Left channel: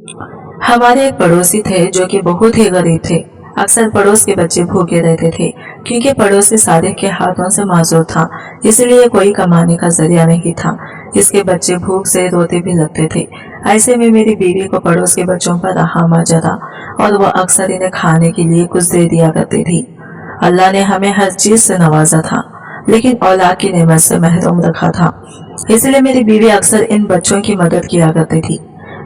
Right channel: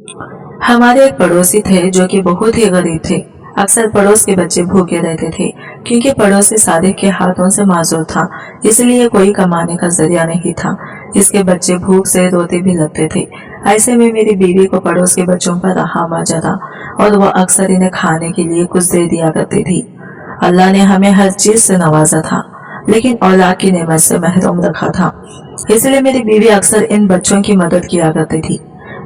हमारे एक पड़ोसी थे जो कि बहुत ही गरीब थे। अक्सर पड़ोस के बच्चे भूखे रहते थे क्योंकि पड़ोसी सादिक के हाथों से माजूर था, इसलिए कोई कमाने का जरिया नहीं था। इसके बच्चे भूख से रोते भी लगते थे। ऐसे में मेरी बीवी को पड़ोस के बच्चों पर रहाम आ जाता और वह अक्सर इन्हें खाने के लिए कुछ दे दिया करती थी। अल्लाह ने हमें हर चीज से नवाजा था, लेकिन औलाद की नेमत से महरूम रखा था, इसलिए मेरी बीवी अक्सर इन बच्चों की मदद किया करती थी।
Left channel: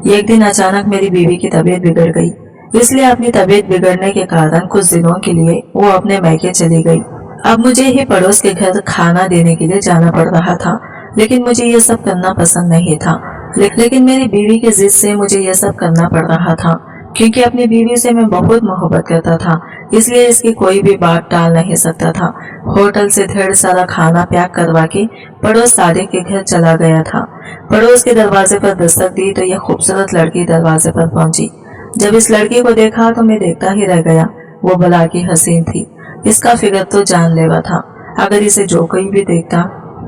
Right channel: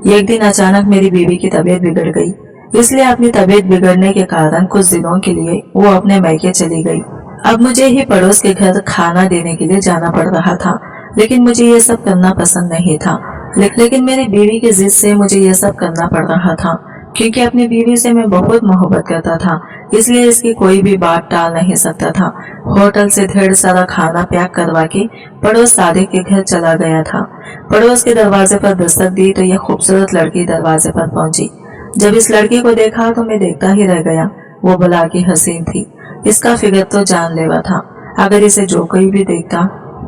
एक दिन अचानक मेरी बीवी की तबीयत बिगड़ गई, इसलिए अपनी तबीयत बिगड़ने के कारण कुछ दिनों के लिए वो अपने मैके चली गई। अब मुझे ही पड़ोस के घर खाना देने के लिए जाना पड़ रहा था, लेकिन मुझे ये सब करना पसंद नहीं था। लेकिन मेरी बीवी की जिद से मुझे ये सब करना पड़ रहा था, क्योंकि अपनी बीवी से मैं बहुत मोहब्बत करता था, इसलिए इसकी कोई भी बात टाल नहीं सकता था। होटल से ढेर सारा खाना पैक करवा के पड़ोस सादिक के घर चला गया था। पड़ोस के दरवाजे पर दस्तक दी तो यह खूबसूरत लड़की दरवाजे पर पहुंची। जब इस लड़की को देखा तो मैं देखता ही रह गया। वो बला की हसीन थी, इसका फिगर तो जानलेवा था। अगर इसे जो कोई भी देखता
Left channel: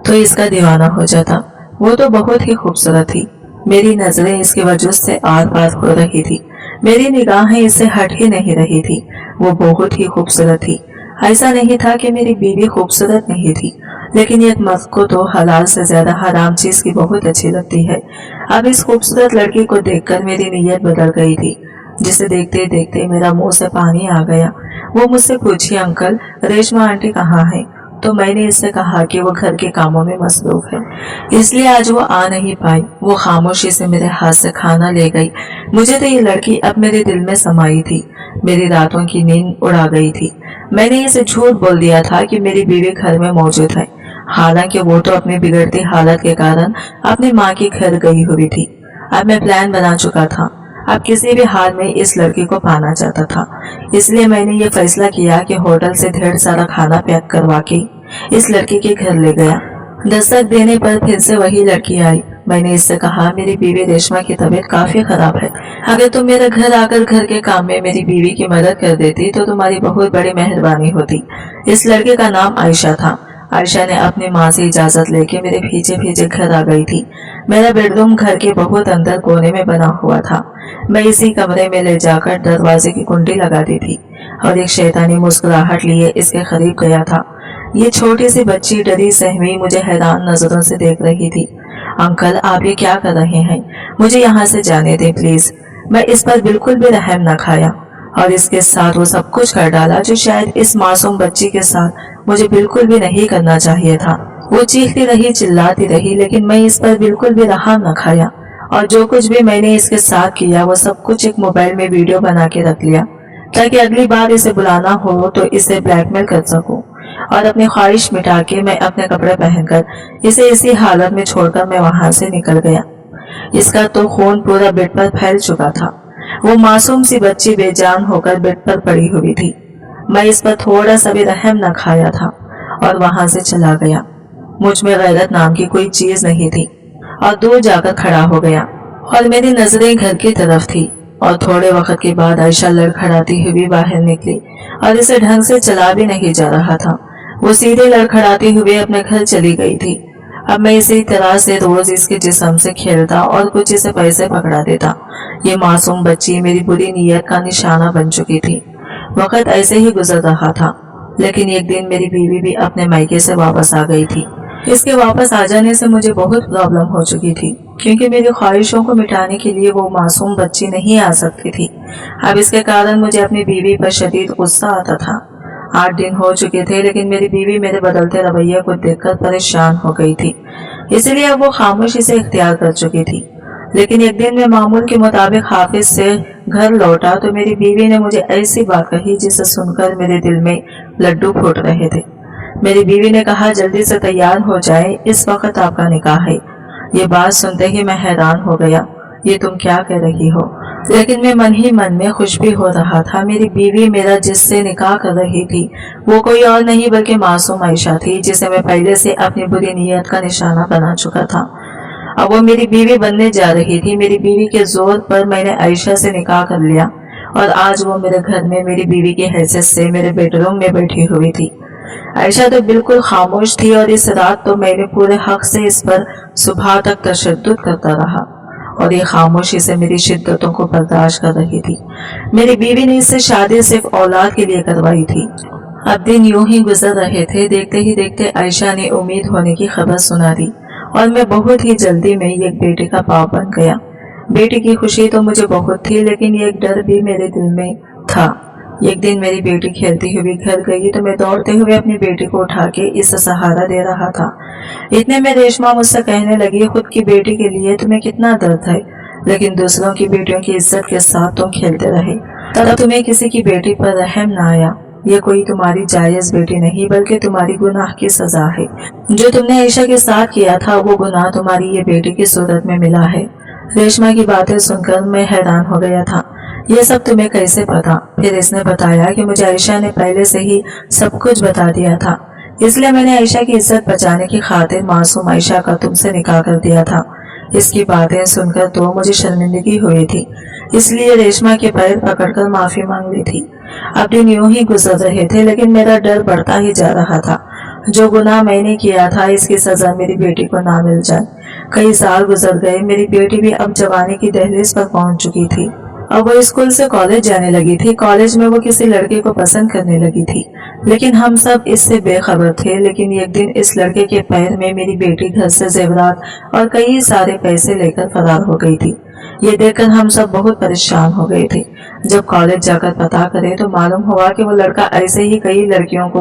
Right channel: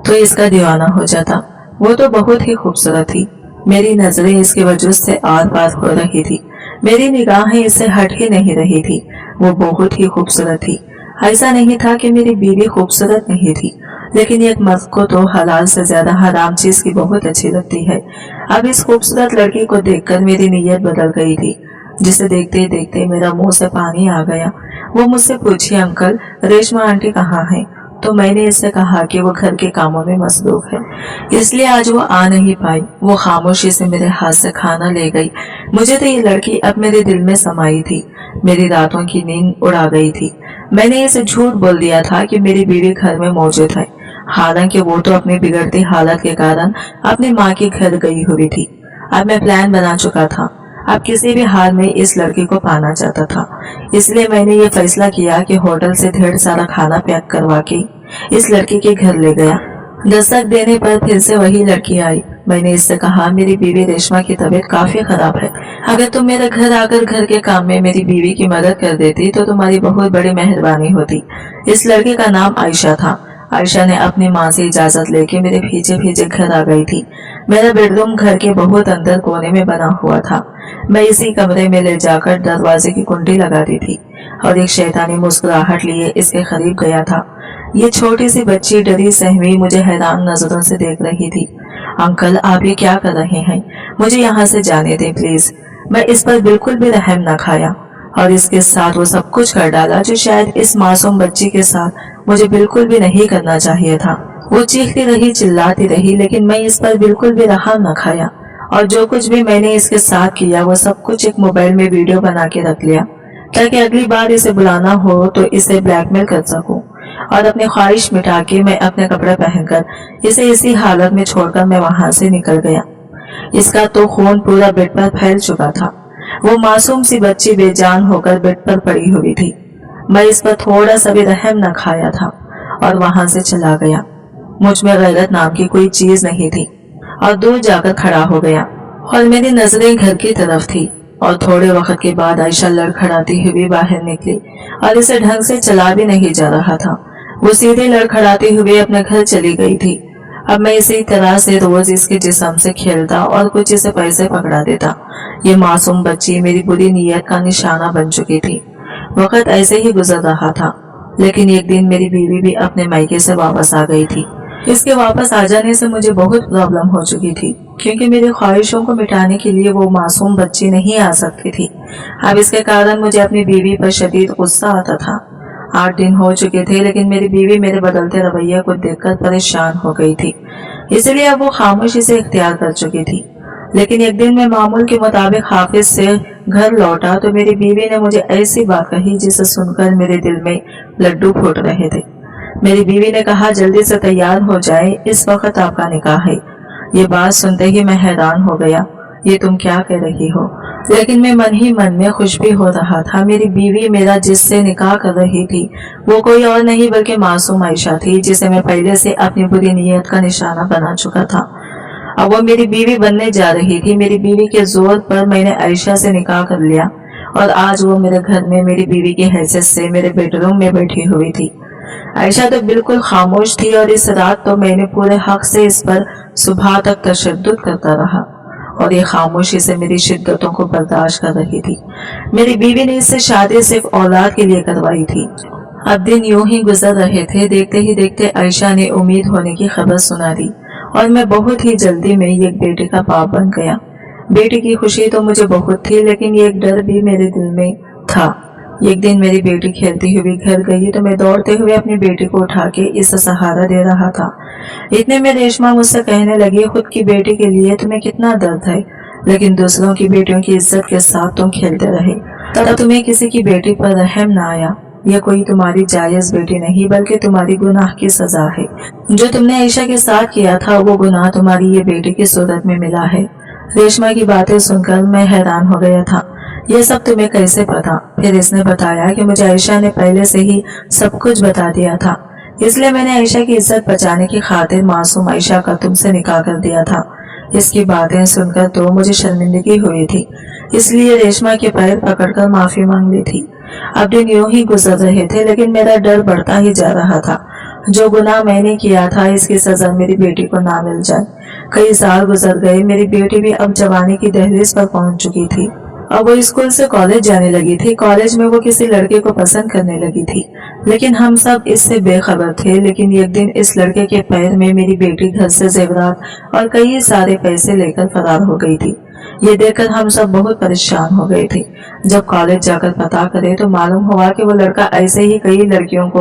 तो इसका दीवाना हो जाता। वो तो बहुत ही खूबसूरत थी। मेरी नजरें इसके वजूद से आर पार हो रही थी, मेरी निगाहें इससे हट ही नहीं रही थी। वो बहुत ही खूबसूरत थी। ऐसा नहीं था कि मेरी बीवी खूबसूरत नहीं थी, लेकिन एक मर्द को तो हलाल से ज्यादा हराम चीज की बहुत अच्छी लगती है। अब इस खूबसूरत लड़की को देखकर मेरी नीयत बदल गई थी, जिसे देखते देखते मेरा मुंह से पानी आ गया। वो मुझसे पूछी, अंकल रेशमा आंटी कहाँ है? तो मैंने इससे कहा कि वो घर के कामों में मसरूफ है, इसलिए आज वो आ नहीं पाई। वो खामोशी से मेरे हाथ से खाना ले गई। मुझे तो ये लड़की अब मेरे दिल में समाई थी, मेरी रातों की नींद उड़ा गई थी। मैंने इसे झूठ बोल दिया था कि मेरी बीवी घर में मौजूद है, हालांकि वो तो अपनी बिगड़ती हालत के कारण अपनी माँ के घर गई हुई थी। अब मैं प्लान बना चुका था, अब किसी भी हाल में इस लड़की को पाना चाहता था, इसलिए मैंने ये फैसला किया कि होटल से ढेर सारा खाना पैक करवा के इस लड़की के घर ले गया। दस्तक देने पर फिर से वही लड़की आई। मैंने इससे कहा, मेरी बीवी रेशमा की तबीयत काफी खराब है, अगर तुम मेरे घर आकर घर के काम में मेरी बीवी की मदद कर देती तो तुम्हारी बहुत बड़ी मेहरबानी होती। इस लड़के का नाम आयशा था। आयशा ने अपनी माँ से इजाजत लेके मेरे पीछे पीछे घर आ गई थी। मेरा बेडरूम घर के बहुत अंदर कोने में बना हुआ था। मैं इसी कमरे में ले जाकर दरवाजे की कुंडी लगा दी थी और एक शैतानी मुस्कुराहट लिए इसके करीब गया था। ये छोटी सी बच्ची डरी सहमी मुझे हैरान नजरों से देख रही थी। अंकल आप ये क्या कर रहे हैं? मुझे यहाँ से जाने दें प्लीज। मैं इस पर बिल्कुल भी रहम न खाया और इसके साथ वो सब कुछ कर डाला जो शायद इस मासूम बच्ची के साथ मुझे बिल्कुल भी नहीं करना चाहिए था। वो चीखती रही, चिल्लाती रही, लेकिन मैं इस पर बिल्कुल भी रहम न खाया और जो कुछ भी मैंने इसके साथ किया वो सब कुछ एक मोबाइल में वीडियो बना के रख लिया, ताकि अगली बार इसे बुलाना हो तो इसे ब्लैकमेल कर सकूं। और अपनी ख्वाहिश मिटा के मैं अपने कपड़े पहनकर इसे इसी हालत में छोड़कर मैं वहां से निकल गया। इसका तो खून पूरा बेड पर फैल चुका था। वो मासूम सी बच्ची बेजान होकर बेड पर पड़ी हुई थी। मैं इस पर थोड़ा सा भी रहम न खाया था और वहां से चला गया। मुझ में गैरत नाम की कोई चीज नहीं थी और दूर जाकर खड़ा हो गया और मेरी नजरें घर की तरफ थी। और थोड़े वक्त के बाद आयशा लड़खड़ाती हुई बाहर निकली और इसे ढंग से चला भी नहीं जा रहा था। वो सीधे लड़खड़ाते हुए अपने घर चली गई थी। अब मैं इसी तरह से रोज इसके जिस्म से खेलता और कुछ इसे पैसे पकड़ा देता। ये मासूम बच्ची मेरी बुरी नीयत का निशाना बन चुकी थी। वक्त ऐसे ही गुजर रहा था, लेकिन एक दिन मेरी बीवी भी अपने मायके से वापस आ गई थी। इसके वापस आ जाने से मुझे बहुत प्रॉब्लम हो चुकी थी, क्योंकि मेरी ख्वाहिशों को मिटाने के लिए वो मासूम बच्ची नहीं आ सकती थी। अब इसके कारण मुझे अपनी बीवी पर शदीद गुस्सा आता था। 8 दिन हो चुके थे, लेकिन मेरी बीवी मेरे बदलते रवैये को देखकर परेशान हो गई थी, इसलिए अब वो खामोशी से इख्तियार कर चुकी थी। लेकिन एक दिन मैं मामूल के मुताबिक हाफिज से घर लौटा तो मेरी बीवी ने मुझे ऐसी बात कही जिसे सुनकर मेरे दिल में लड्डू फूट रहे थे। मेरी बीवी ने कहा, जल्दी से तैयार हो जाए, इस वक्त आपका निकाह है। ये बात सुनते ही मैं हैरान हो गया। ये तुम क्या कह रही हो? लेकिन मैं मन ही मन में खुश भी हो रहा था। मेरी बीवी मेरा जिससे निकाह कर रही थी वो कोई और नहीं बल्कि मासूम आयशा थी, जिसे मैं पहले से अपनी बुरी नीयत का निशाना बना चुका था। अब वो मेरी बीवी बनने जा रही थी। मेरी बीवी के जोर पर मैंने आयशा से निकाह कर लिया और आज वो मेरे घर में मेरी बीवी की हैसियत से मेरे बेडरूम में बैठी हुई थी। आयशा तो बिल्कुल खामोश थी और इस रात तो मैंने पूरे हक से इस पर सुबह तक तशद्दुद करता रहा। और ये खामोशी से मेरी शिद्दतों को बर्दाश्त कर रही थी। मेरी बीवी ने इससे शादी सिर्फ औलाद के लिए करवाई थी। अब दिन यूं ही गुजर रहे थे। देखते ही देखते आयशा ने उम्मीद होने की खबर सुना दी और मैं बहुत ही जल्दी में एक बेटे का बाप बन गया। बेटी की खुशी तो मुझे बहुत थी, लेकिन एक डर भी मेरे दिल में था। एक दिन मेरी बेटी खेलती हुई घर गई तो मैं दौड़ते हुए अपनी बेटी को उठा के इसे सहारा दे रहा था। इतने में रेशमा मुझसे कहने लगी, खुद की बेटी के लिए तुम्हें कितना दर्द है, लेकिन दूसरों की बेटियों की इज्जत के साथ तुम खेलते रहे, तब तुम्हें किसी की बेटी पर रहम न आया। यह कोई तुम्हारी जायज बेटी नहीं, बल्कि तुम्हारी गुनाह की सजा है। जो तुमने आयशा के साथ किया था वो गुनाह तुम्हारी ये बेटी की सूरत में मिला है। रेशमा की बातें सुनकर मैं हैरान हो गया था। ये सब तुम्हें कैसे पता? फिर इसने बताया कि मुझे आयशा ने पहले से ही सब कुछ बता दिया था, इसलिए मैंने आयशा की इज्जत बचाने की खातिर मासूम आयशा का तुमसे निकाह कर दिया था। इसकी बातें सुनकर तो मुझे शर्मिंदगी हुई थी, इसलिए रेशमा के पैर पकड़कर माफी मांग ली थी। अब दिन यूं ही गुजर रहे थे, लेकिन मेरा डर बढ़ता ही जा रहा था। जो गुनाह मैंने किया था इसकी सजा मेरी बेटी को ना मिल जाए। कई साल गुजर गए, मेरी बेटी भी अब जवानी की दहलीज पर पहुंच चुकी थी। अब वो स्कूल से कॉलेज जाने लगी थी। कॉलेज में वो किसी लड़के को पसंद करने लगी थी, लेकिन हम सब इससे बेखबर थे। लेकिन एक दिन इस लड़के के पैर में मेरी बेटी घर से जेवरात और कई सारे पैसे लेकर फरार हो गई थी। ये देखकर हम सब बहुत परेशान हो गए थे। जब कॉलेज जाकर पता करे तो मालूम हुआ कि वो लड़का ऐसे ही कई लड़कियों को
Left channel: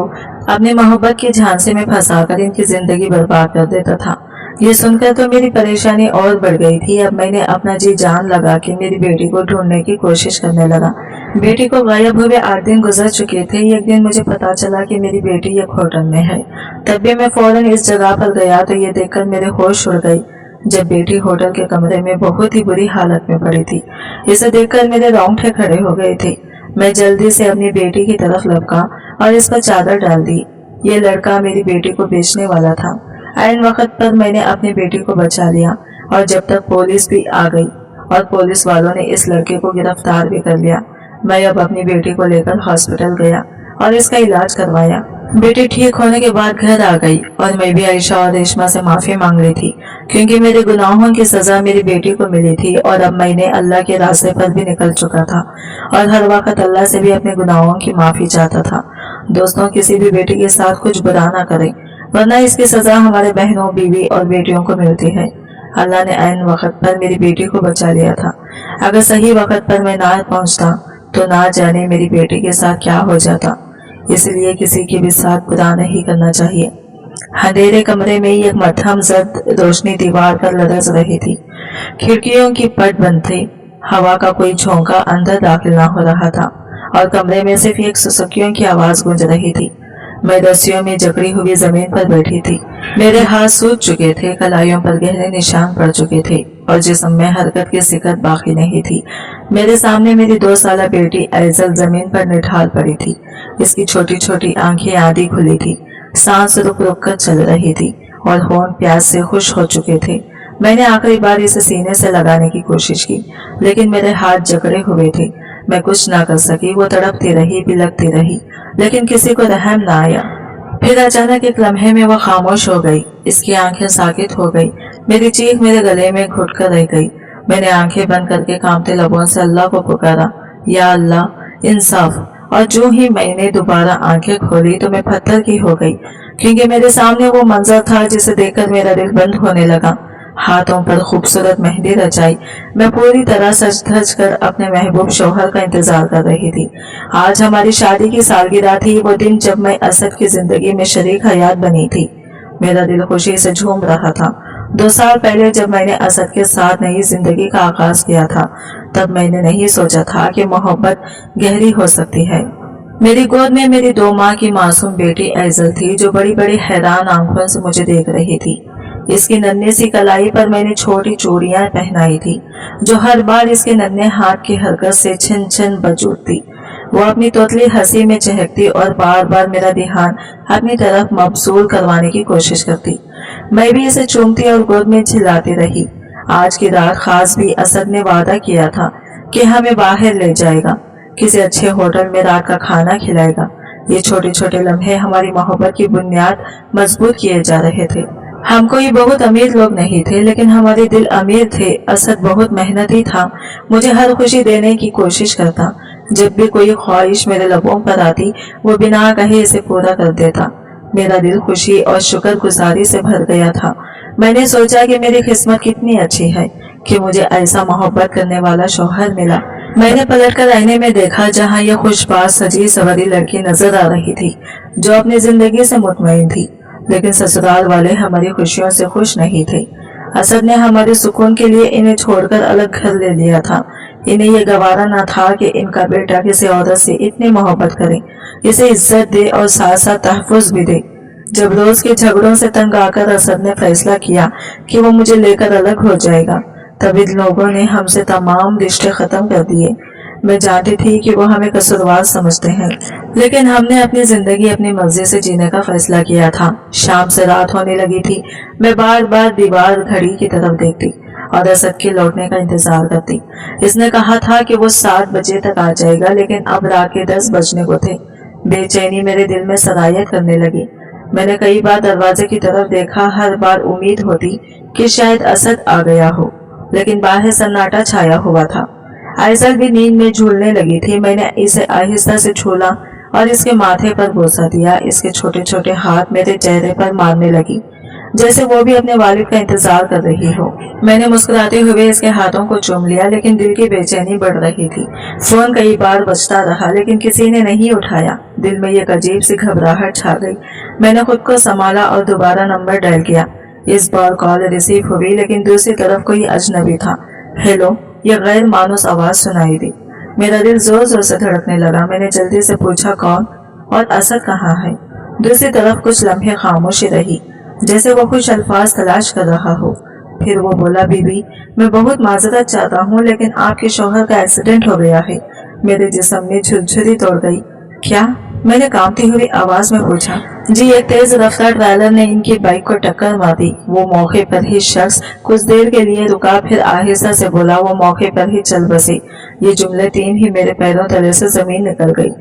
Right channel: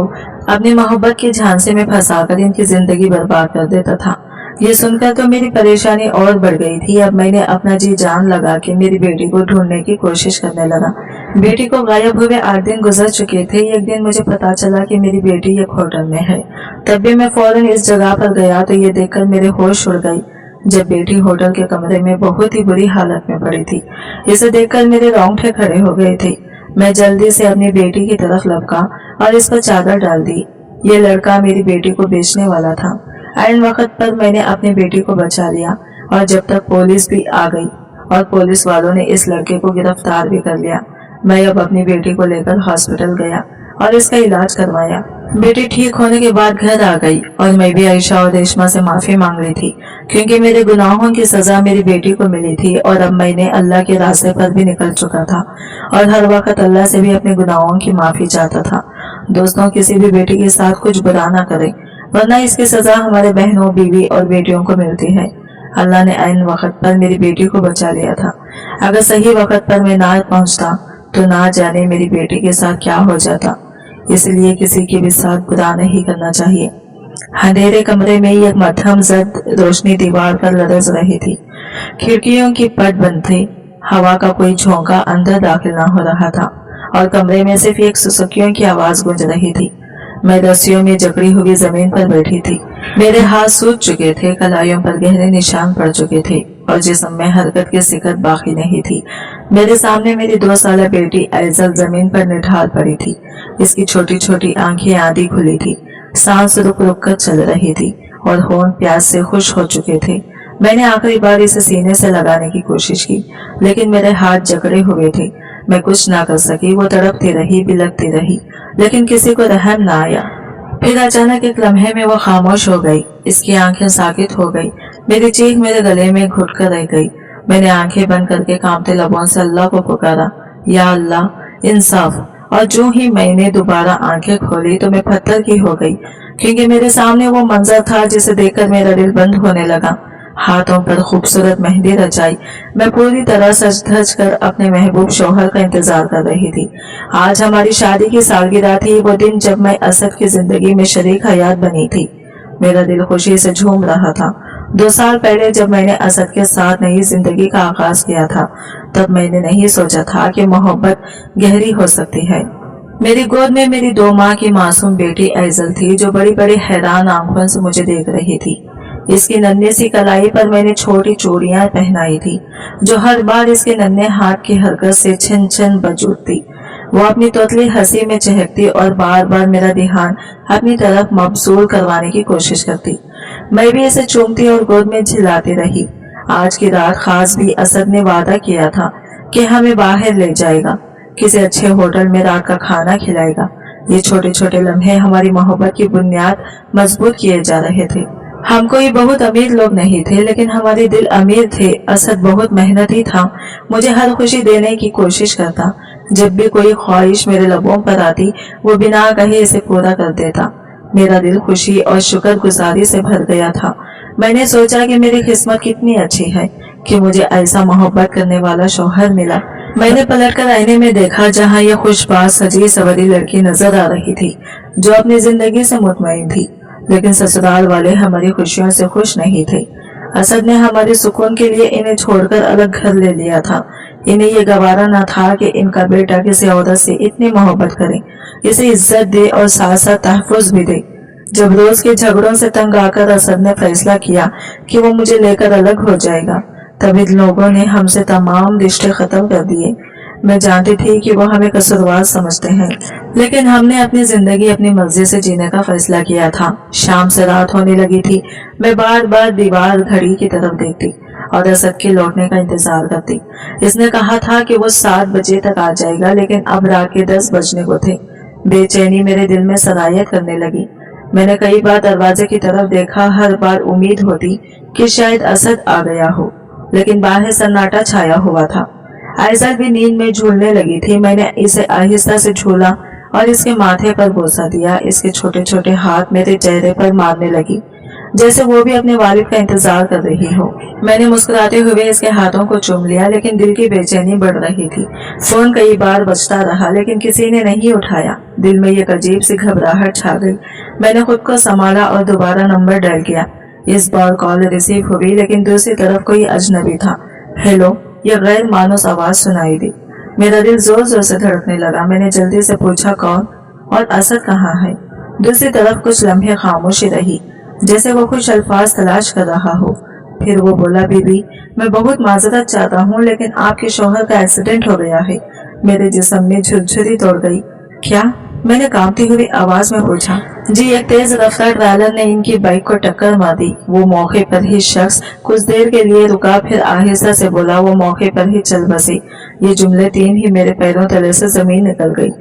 अपनी मोहब्बत की झांसे में फंसाकर इनकी जिंदगी बर्बाद कर देता था। ये सुनकर तो मेरी परेशानी और बढ़ गई थी। अब मैंने अपना जी जान लगा के मेरी बेटी को ढूंढने की कोशिश करने लगा। बेटी को गायब हुए 8 दिन गुजर चुके थे। एक दिन मुझे पता चला कि मेरी बेटी एक होटल में है। तब भी मैं फौरन इस जगह पर गया तो ये देखकर मेरे होश उड़ गए जब बेटी होटल के कमरे में बहुत ही बुरी हालत में पड़ी थी। इसे देखकर मेरे रोंगटे खड़े हो गए थे। मैं जल्दी से अपनी बेटी की तरफ लपका और इस पर चादर डाल दी। ये लड़का मेरी बेटी को बेचने वाला था। ऐन वक्त पर मैंने अपनी बेटी को बचा लिया और जब तक पुलिस भी आ गई और पुलिस वालों ने इस लड़के को गिरफ्तार भी कर लिया। मैं अब अपनी बेटी को लेकर हॉस्पिटल गया और इसका इलाज करवाया। बेटी ठीक होने के बाद घर आ गई और मैं भी आयशा और रेशमा से माफी मांग ली थी, क्योंकि मेरे गुनाहों की सजा मेरी बेटी को मिली थी और अब मैंने अल्लाह के रास्ते पर भी निकल चुका था और हर वक्त अल्लाह से भी अपने गुनाहों की माफी चाहता था। दोस्तों, किसी भी बेटी के साथ कुछ बुरा ना करें, वरना इसकी सजा हमारे बहनों, बीवी और बेटियों को मिलती है। अल्लाह ने ऐन वक्त पर मेरी बेटी को बचा लिया था। अगर सही वक्त पर मैं ना पहुंचता तो ना जाने मेरी बेटी के साथ क्या हो जाता। इसलिए किसी के भी साथ बुरा नहीं करना चाहिए। अंधेरे कमरे में एक मध्यम जर्द रोशनी दीवार पर लरज रही थी। खिड़कियों की पट बंद थी। हवा का कोई झोंका अंदर दाखिल ना हो रहा था और कमरे में सिर्फ एक सुसुकियों की आवाज गूंज रही थी। मैं रस्सियों में जकड़ी हुई जमीन पर बैठी थी। मेरे हाथ सूज चुके थे, कलाइयों पर गहरे निशान पड़ चुके थे और जिस्म में हरकत की सिकत बाकी नहीं थी। मेरे सामने मेरी 2 साला बेटी ऐजल जमीन पर निठाल पड़ी थी। इसकी छोटी छोटी आंखें आधी खुली थी, सांस रुक रुक कर चल रही थी और होंठ प्यास से खुश हो चुके थे। मैंने आखिरी बार इसे सीने से लगाने की कोशिश की, लेकिन मेरे हाथ जकड़े हुए थे। मैं कुछ ना कर सकी। वो तड़पती रही, बिलखती रही, लेकिन किसी को रहम ना आया। फिर अचानक एक लम्हे में वो खामोश हो गई। इसकी आंखें साकित हो गई। मेरी चीख मेरे गले में घुट कर रह गई। मैंने आंखें बंद करके कांपते लबों से अल्लाह को पुकारा, या अल्लाह इंसाफ। और जो ही मैंने दोबारा आंखें खोली तो मैं पत्थर की हो गई, क्योंकि मेरे सामने वो मंजर था जिसे देखकर मेरा दिल बंद होने लगा। हाथों पर खूबसूरत मेहंदी रचाई। मैं पूरी तरह सज धज कर अपने महबूब शौहर का इंतजार कर रही थी। आज हमारी शादी की सालगिरह थी, वो दिन जब मैं असद की जिंदगी में शरीक हयात बनी थी। मेरा दिल खुशी से झूम रहा था। 2 साल पहले जब मैंने असद के साथ नई जिंदगी का आगाज किया था, तब मैंने नहीं सोचा था कि मोहब्बत गहरी हो सकती है। मेरी गोद में मेरी 2 माह की मासूम बेटी ऐजल थी, जो बड़ी बड़ी हैरान आंखों से मुझे देख रही थी। इसकी नन्ही सी कलाई पर मैंने छोटी चूड़ियां पहनाई थी, जो हर बार इसके नन्हे हाथ की हरकत से छिन छिन बज उठती। वो अपनी तोतली हंसी में चहकती और बार बार मेरा ध्यान अपनी तरफ मबसूल करवाने की कोशिश करती। मैं भी इसे चूमती और गोद में झिलाती रही। आज की रात खास भी असद ने वादा किया था कि हमें बाहर ले जाएगा, किसी अच्छे होटल में रात का खाना खिलाएगा। ये छोटे छोटे लम्हे हमारी मोहब्बत की बुनियाद मजबूत किए जा रहे थे। हम कोई बहुत अमीर लोग नहीं थे, लेकिन हमारे दिल अमीर थे। असद बहुत मेहनती था, मुझे हर खुशी देने की कोशिश करता। जब भी कोई ख्वाहिश मेरे लबों पर आती, वो बिना कहे इसे पूरा कर देता। मेरा दिल खुशी और शुक्रगुजारी से भर गया था। मैंने सोचा कि मेरी किस्मत कितनी अच्छी है कि मुझे ऐसा मोहब्बत करने वाला शौहर मिला। मैंने पलटकर आईने में देखा, जहाँ यह खुशबाज सजी सवरी लड़की नजर आ रही थी, जो अपनी जिंदगी से मुतमईन थी। लेकिन ससुराल वाले हमारी खुशियों से खुश नहीं थे। असद ने हमारे सुकून के लिए इन्हें छोड़कर अलग घर ले लिया था। इन्हें यह गवारा न था कि इनका बेटा किसी औरत से इतनी मोहब्बत करे, इसे इज्जत दे और साथ साथ तहफ़्फ़ुज़ भी दे। जब रोज के झगड़ों से तंग आकर असद ने फैसला किया कि वो मुझे लेकर अलग हो जाएगा, तब इन लोगों ने हमसे तमाम रिश्ते खत्म कर दिए। मैं जानती थी कि वो हमें कसूरवार समझते हैं, लेकिन हमने अपनी जिंदगी अपनी मर्जी से जीने का फैसला किया था। शाम से रात होने लगी थी। मैं बार बार दीवार घड़ी की तरफ देखती और असद के लौटने का इंतजार करती। इसने कहा था कि वो 7 बजे तक आ जाएगा, लेकिन अब रात के 10 बजने को थे। बेचैनी मेरे दिल में सरायत करने लगी। मैंने कई बार दरवाजे की तरफ देखा। हर बार उम्मीद होती कि शायद असद आ गया हो, लेकिन बाहर सन्नाटा छाया हुआ था। आइजल भी नींद में झूलने लगी थी। मैंने इसे आहिस्ता से झूला और इसके माथे पर बोसा दिया। इसके छोटे छोटे हाथ मेरे चेहरे पर मारने लगी, जैसे वो भी अपने वालिद का इंतजार कर रही हो। मैंने मुस्कुराते हुए इसके हाथों को चूम लिया, लेकिन दिल की बेचैनी बढ़ रही थी। फोन कई बार बजता रहा, लेकिन किसी ने नहीं उठाया। दिल में एक अजीब सी घबराहट छा गई। मैंने खुद को संभाला और दोबारा नंबर डायल किया। इस बार कॉल रिसीव हुई, लेकिन दूसरी तरफ कोई अजनबी था। हेलो, यह गैर मानूस आवाज सुनाई दी। मेरा दिल जोर जोर से धड़कने लगा। मैंने जल्दी से पूछा, कौन और असद कहाँ है? दूसरी तरफ कुछ लम्हे खामोशी रही, जैसे वो कुछ अल्फाज तलाश कर रहा हो। फिर वो बोला, बीबी, मैं बहुत माजरत चाहता हूँ, लेकिन आपके शौहर का एक्सीडेंट हो गया है। मेरे जिस्म में झुरझुरी दौड़ गई। क्या? मैंने कांपती हुई आवाज में पूछा। जी, एक तेज रफ्तार ट्रेलर ने इनकी बाइक को टक्कर मार दी। वो मौके पर ही शख्स कुछ देर के लिए रुका, फिर आहिस्ता से बोला, वो मौके पर ही चल बसे। ये जुमले 3 ही मेरे पैरों तले से जमीन निकल गई।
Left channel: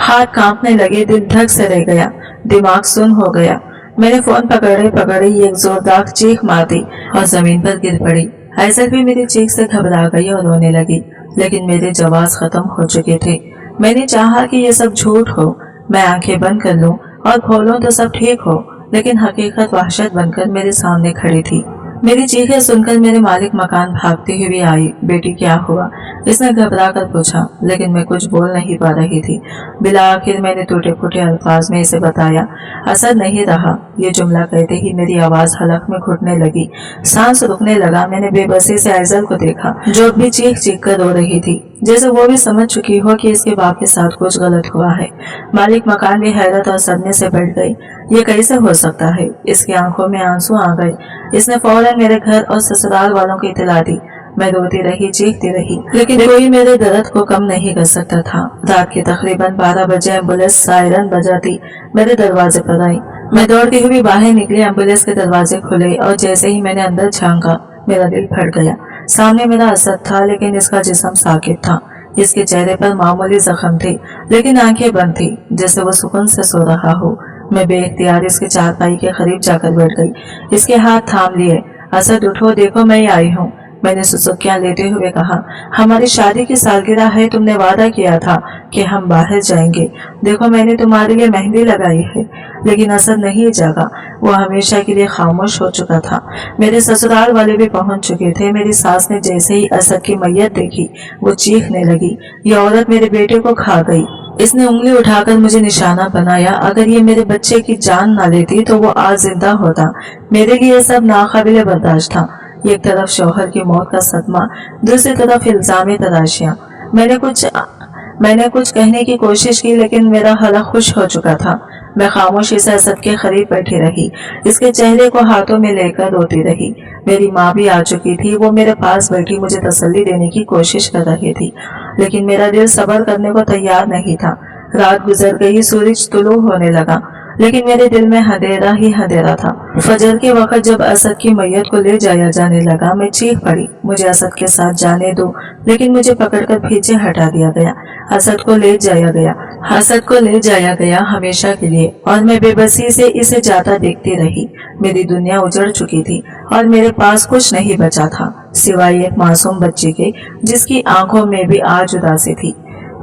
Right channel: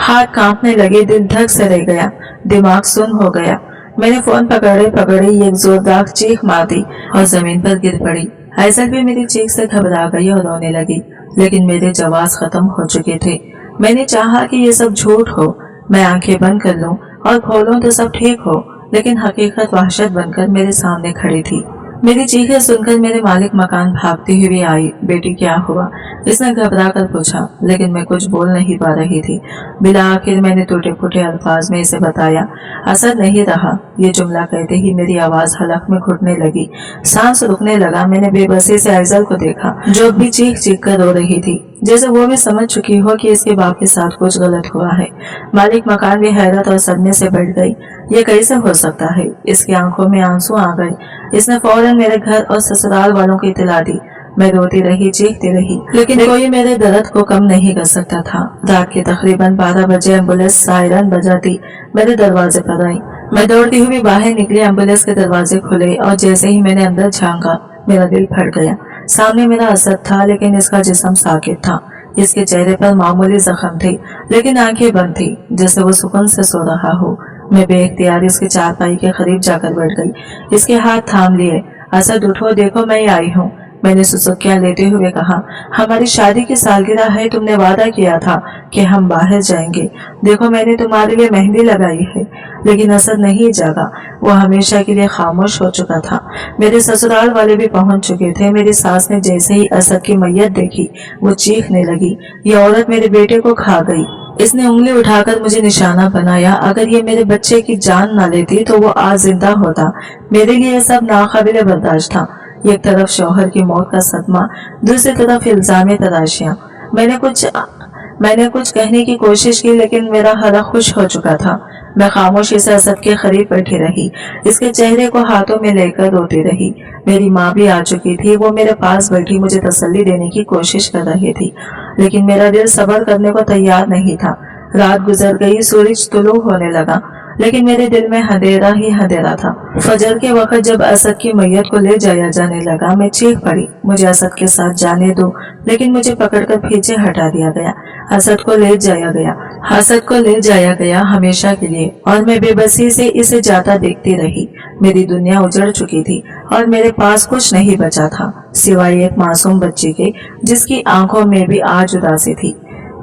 हाथ कांपने लगे, दिल धक से रह गया, दिमाग सुन हो गया। मैंने फोन पकड़े पकड़े एक जोरदार चीख मार दी और जमीन पर गिर पड़ी। आइजल भी मेरी चीख से घबरा गई और रोने लगी, लेकिन मेरे जवाब खत्म हो चुके थे। मैंने चाहा कि ये सब झूठ हो, मैं आंखें बंद कर लूं और खोलूं तो सब ठीक हो, लेकिन हकीकत वहशत बनकर मेरे सामने खड़ी थी। मेरी चीखें सुनकर मेरे मालिक मकान भागती हुई आई। बेटी, क्या हुआ? इसने घबरा कर पूछा, लेकिन मैं कुछ बोल नहीं पा रही थी। बिला आखिर मैंने टूटे फूटे अल्फाज में इसे बताया। असर नहीं रहा। ये जुमला कहते ही मेरी आवाज हलक में घुटने लगी, सांस रुकने लगा। मैंने बेबसी से आइजल को देखा, जो अब भी चीख चीख कर रो रही थी, जैसे वो भी समझ चुकी हो कि इसके बाप के साथ कुछ गलत हुआ है। मालिक मकान भी हैरत और सदमे से बढ़ गई। ये कैसे हो सकता है? इसकी आंखों में आंसू आ गए। इसने फौरन मेरे घर और ससुराल वालों को इतला दी। मैं रोती रही, चीखती रही, लेकिन कोई मेरे दर्द को कम नहीं कर सकता था। रात के तकरीबन 12 बजे एम्बुलेंस सायरन बजाती मेरे दरवाजे पर आई। मैं दौड़ती हुई बाहर निकली। एम्बुलेंस के दरवाजे खुले और जैसे ही मैंने अंदर झांका, मेरा दिल फट गया। सामने मेरा असद था, लेकिन इसका जिस्म साकित था। इसके चेहरे पर मामूली जख्म थे, लेकिन आंखें बंद थी, जैसे वो सुकून से सो रहा हो। मैं बेइख्तियार इसके चारपाई के करीब जाकर बैठ गई। इसके हाथ थाम लिए। असद, उठो, देखो मैं आई हूँ। मैंने सुसुकियां लेते हुए कहा, हमारी शादी की सालगिरह है, तुमने वादा किया था कि हम बाहर जाएंगे। देखो, मैंने तुम्हारे लिए मेहंदी लगाई है। लेकिन असद नहीं जागा। वो हमेशा के लिए खामोश हो चुका था। मेरे ससुराल वाले भी पहुंच चुके थे। मेरी सास ने जैसे ही असद की मैयत देखी, वो चीखने लगी, ये औरत मेरे बेटे को खा गई। इसने उंगली उठाकर मुझे निशाना बनाया। अगर ये मेरे बच्चे की जान ना लेती तो वो आज जिंदा होता। मेरे लिए सब नाकाबिले बर्दाश्त था। एक तरफ शौहर की मौत का सदमा, दूसरी तरफ इल्जाम तराशियां। मैंने कुछ कहने की कोशिश की, लेकिन मेरा हलक खुश हो चुका था। मैं खामोशी से असद के करीब बैठी रही, इसके चेहरे को हाथों में लेकर रोती रही। मेरी माँ भी आ चुकी थी। वो मेरे पास बैठी मुझे तसल्ली देने की कोशिश कर रही थी, लेकिन मेरा दिल सब्र करने को तैयार नहीं था। रात गुजर गई, सूरज तुलू होने लगा, लेकिन मेरे दिल में अंधेरा ही अंधेरा था। फजर के वक्त जब असद की मैयत को ले जाया जाने लगा, मैं चीख पड़ी, मुझे असद के साथ जाने दो, लेकिन मुझे पकड़कर पीछे हटा दिया गया। असद को ले जाया गया। असद को ले जाया गया हमेशा के लिए और मैं बेबसी से इसे जाता देखती रही। मेरी दुनिया उजड़ चुकी थी और मेरे पास कुछ नहीं बचा था सिवाय एक मासूम बच्ची के जिसकी आंखों में भी आज उदासी थी।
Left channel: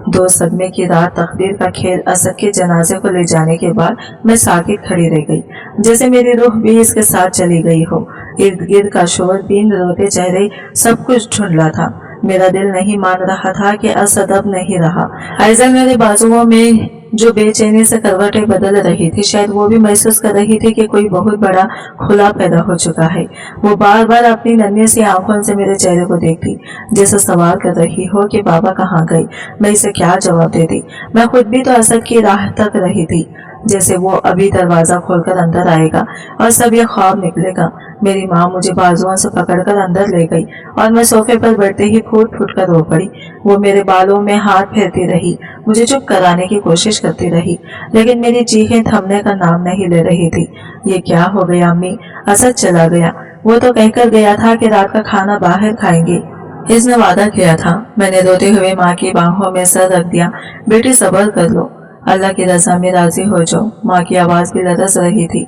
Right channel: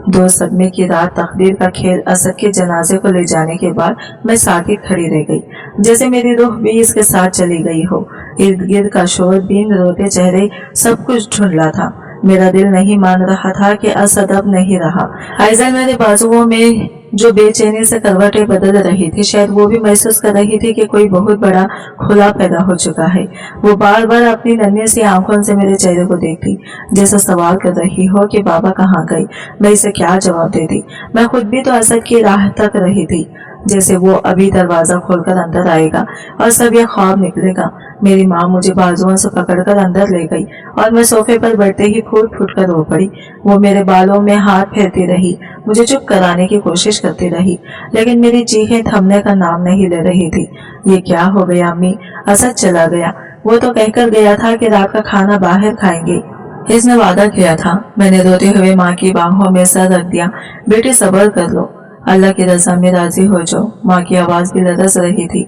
2 सदमे की रात, तकदीर का खेल। असद के जनाजे को ले जाने के बाद मैं साकित खड़ी रह गई, जैसे मेरी रूह भी इसके साथ चली गई हो। इर्द गिर्द का शोर, दिन, रोते चेहरे, सब कुछ ढूंढला था। मेरा दिल नहीं मान रहा था कि असद अब नहीं रहा। आइज़ल मेरे बाजुओं में जो बेचैनी से करवटें बदल रही थी, शायद वो भी महसूस कर रही थी कि कोई बहुत बड़ा खुला पैदा हो चुका है। वो बार बार अपनी नन्ही सी आंखों से मेरे चेहरे को देखती, जैसे सवाल कर रही हो कि बाबा कहाँ गए। मैं इसे क्या जवाब देती। मैं खुद भी तो असद की राह तक रही थी, जैसे वो अभी दरवाजा खोलकर अंदर आएगा और सब यह ख्वाब निकलेगा। मेरी माँ मुझे बाजुओं से पकड़कर अंदर ले गई और मैं सोफे पर बैठते ही फूट फूट कर रो पड़ी। वो मेरे बालों में हाथ फेरती रही, मुझे चुप कराने की कोशिश करती रही, लेकिन मेरी चीखें थमने का नाम नहीं ले रही थी। ये क्या हो गया अम्मी? असद चला गया। वो तो कहकर गया था कि रात का खाना बाहर खाएंगे। इसने वादा किया था। मैंने रोते हुए माँ की बाहों में सर रख दिया। बेटी सब्र कर लो, अल्लाह की रजा में राजी हो जाओ। माँ की आवाज़ भी लरस रही थी,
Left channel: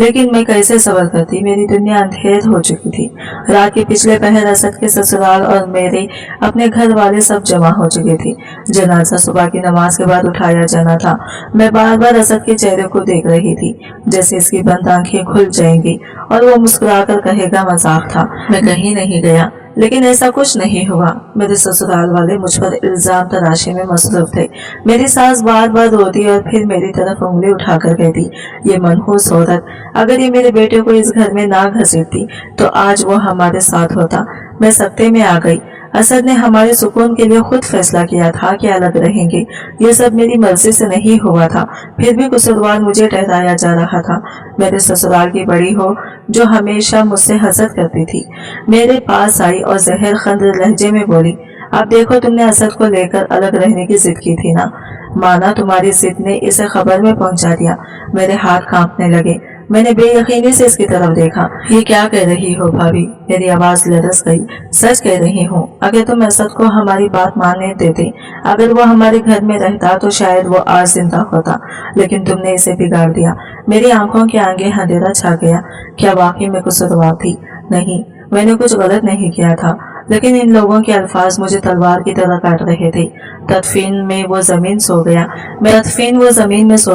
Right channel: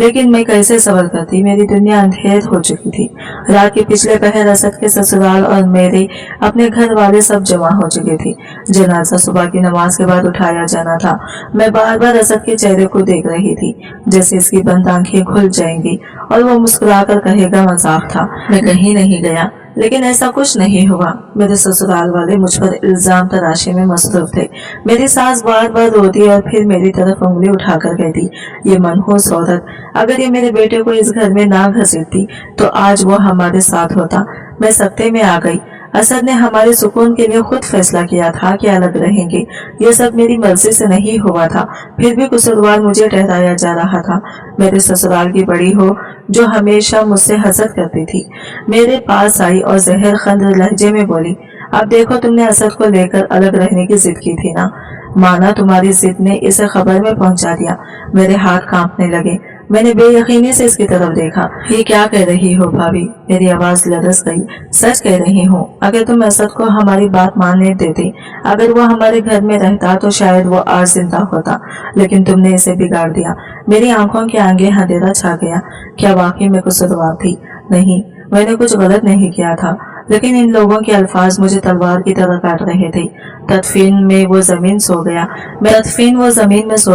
लेकिन मैं कैसे सब्र करती। मेरी दुनिया अंधेर हो चुकी थी। रात के पिछले पहर असद के ससुराल और मेरे अपने घर वाले सब जमा हो चुके थे। जनाजा सुबह की नमाज के बाद उठाया जाना था। मैं बार बार असद के चेहरे को देख रही थी, जैसे इसकी बंद आंखें खुल जाएंगी और वो मुस्कुराकर कहेगा मजाक था। मैं कहीं नहीं गया, लेकिन ऐसा कुछ नहीं हुआ। मेरे ससुराल वाले मुझ पर इल्जाम तराशे में मसरूफ थे। मेरी सास बार बार रोती और फिर मेरी तरफ उंगली उठाकर कहती, ये मनहूस औरत, अगर ये मेरे बेटे को इस घर में ना घसीटती तो आज वो हमारे साथ होता। मैं सख्ते में आ गई। असद ने हमारे सुकून के लिए खुद फैसला किया था कि अलग रहेंगे। यह सब मेरी मर्जी से नहीं हुआ था, फिर भी कसूरवार मुझे ठहराया जा रहा था। मेरे ससुराल की बड़ी हो जो हमेशा मुझसे हसद करती थी, मेरे पास आई और जहर खंद लहजे में बोली, अब देखो तुमने असद को लेकर अलग रहने की जिद की थी ना, माना तुम्हारी जिद ने इसे खबर में पहुंचा दिया। मेरे हाथ कांपने लगे। मैंने बेयकीनी से इसकी तरफ देखा। ये क्या कह रही हो भाभी? मेरी आवाज लरस गई। सच कह रही हूँ। अगर तुम असद को हमारी बात मानने देते, अगर वो हमारे घर में रहता तो शायद वो आज जिंदा होता, लेकिन तुमने इसे बिगाड़ दिया। मेरी आंखों के आगे अंधेरा छा गया। क्या वाकई में कसूरवार थी? नहीं, मैंने कुछ गलत नहीं किया था, लेकिन इन लोगों के अल्फाज मुझे तलवार की तरह काट रहे थे। तदफीन में वो जमीन सो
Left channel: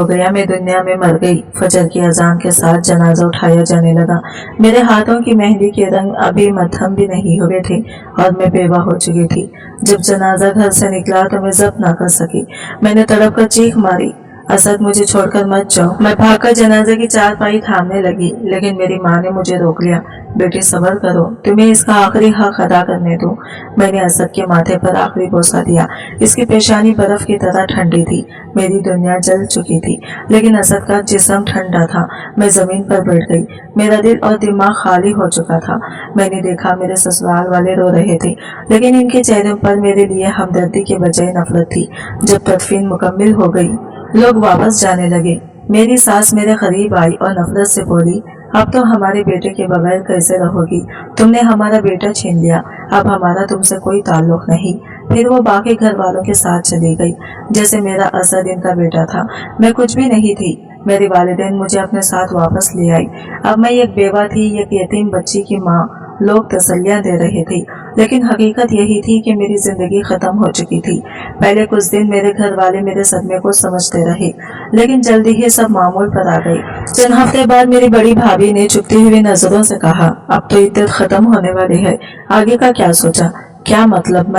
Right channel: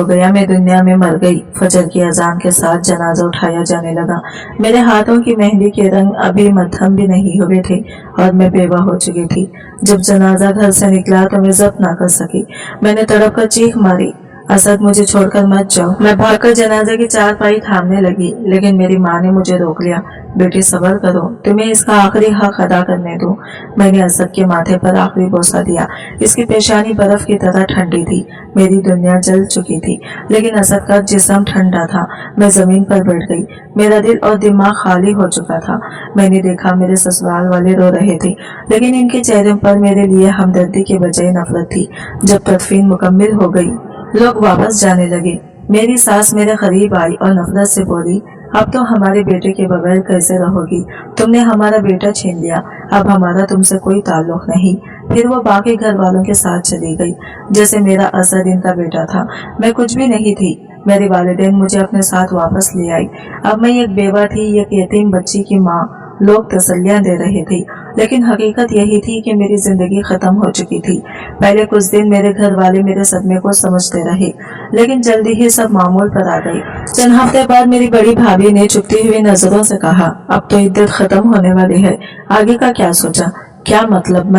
गया। मैं दुनिया में मर गई। फजर की अजान के साथ जनाजा उठाया जाने लगा। मेरे हाथों की मेहंदी के रंग अभी मध्यम भी नहीं हुए थे और मैं बेवा हो चुकी थी। जब जनाजा घर से निकला तो मैं जब्त ना कर सकी। मैंने तड़प कर चीख मारी, असद मुझे छोड़कर मत जाओ। मैं भागकर जनाजे की चारपाई थामने लगी, लेकिन मेरी माँ ने मुझे रोक लिया। बेटी सब्र करो, तुम्हें इसका आखिरी हक अदा करने दो। मैंने असद के माथे पर आखिरी बोसा दिया। इसकी पेशानी बर्फ की तरह ठंडी थी। मेरी दुनिया जल चुकी थी, लेकिन असद का जिस्म ठंडा था। मैं जमीन पर बैठ गई। मेरा दिल और दिमाग खाली हो चुका था। मैंने देखा मेरे ससुराल वाले रो रहे थे, लेकिन इनके चेहरों पर मेरे लिए हमदर्दी के बजाय नफरत थी। जब तदफीन मुकम्मिल हो गई, लोग वापस जाने लगे। मेरी सास मेरे करीब आई और नफरत से बोली, अब तो हमारे बेटे के बगैर कैसे रहोगी? तुमने हमारा बेटा छीन लिया, अब हमारा तुमसे कोई ताल्लुक नहीं। फिर वो बाकी घर वालों के साथ चली गई, जैसे मेरा असद इनका बेटा था। मैं कुछ भी नहीं थी। मेरे वालिदैन मुझे अपने साथ वापस ले आई। अब मैं एक बेवा थी, एक यतीम बच्ची की माँ। लोग तसल्लियां दे रहे थे, लेकिन हकीकत यही थी कि मेरी जिंदगी खत्म हो चुकी थी। पहले कुछ दिन मेरे घर वाले मेरे सदमे को समझते रहे, लेकिन जल्दी ही सब मामूल पर आ गई। चंद हफ्ते बाद मेरी बड़ी भाभी ने चुपती हुई नजरों से कहा, अब तो इद्दत खत्म होने वाली है, आगे का क्या सोचा? क्या मतलब?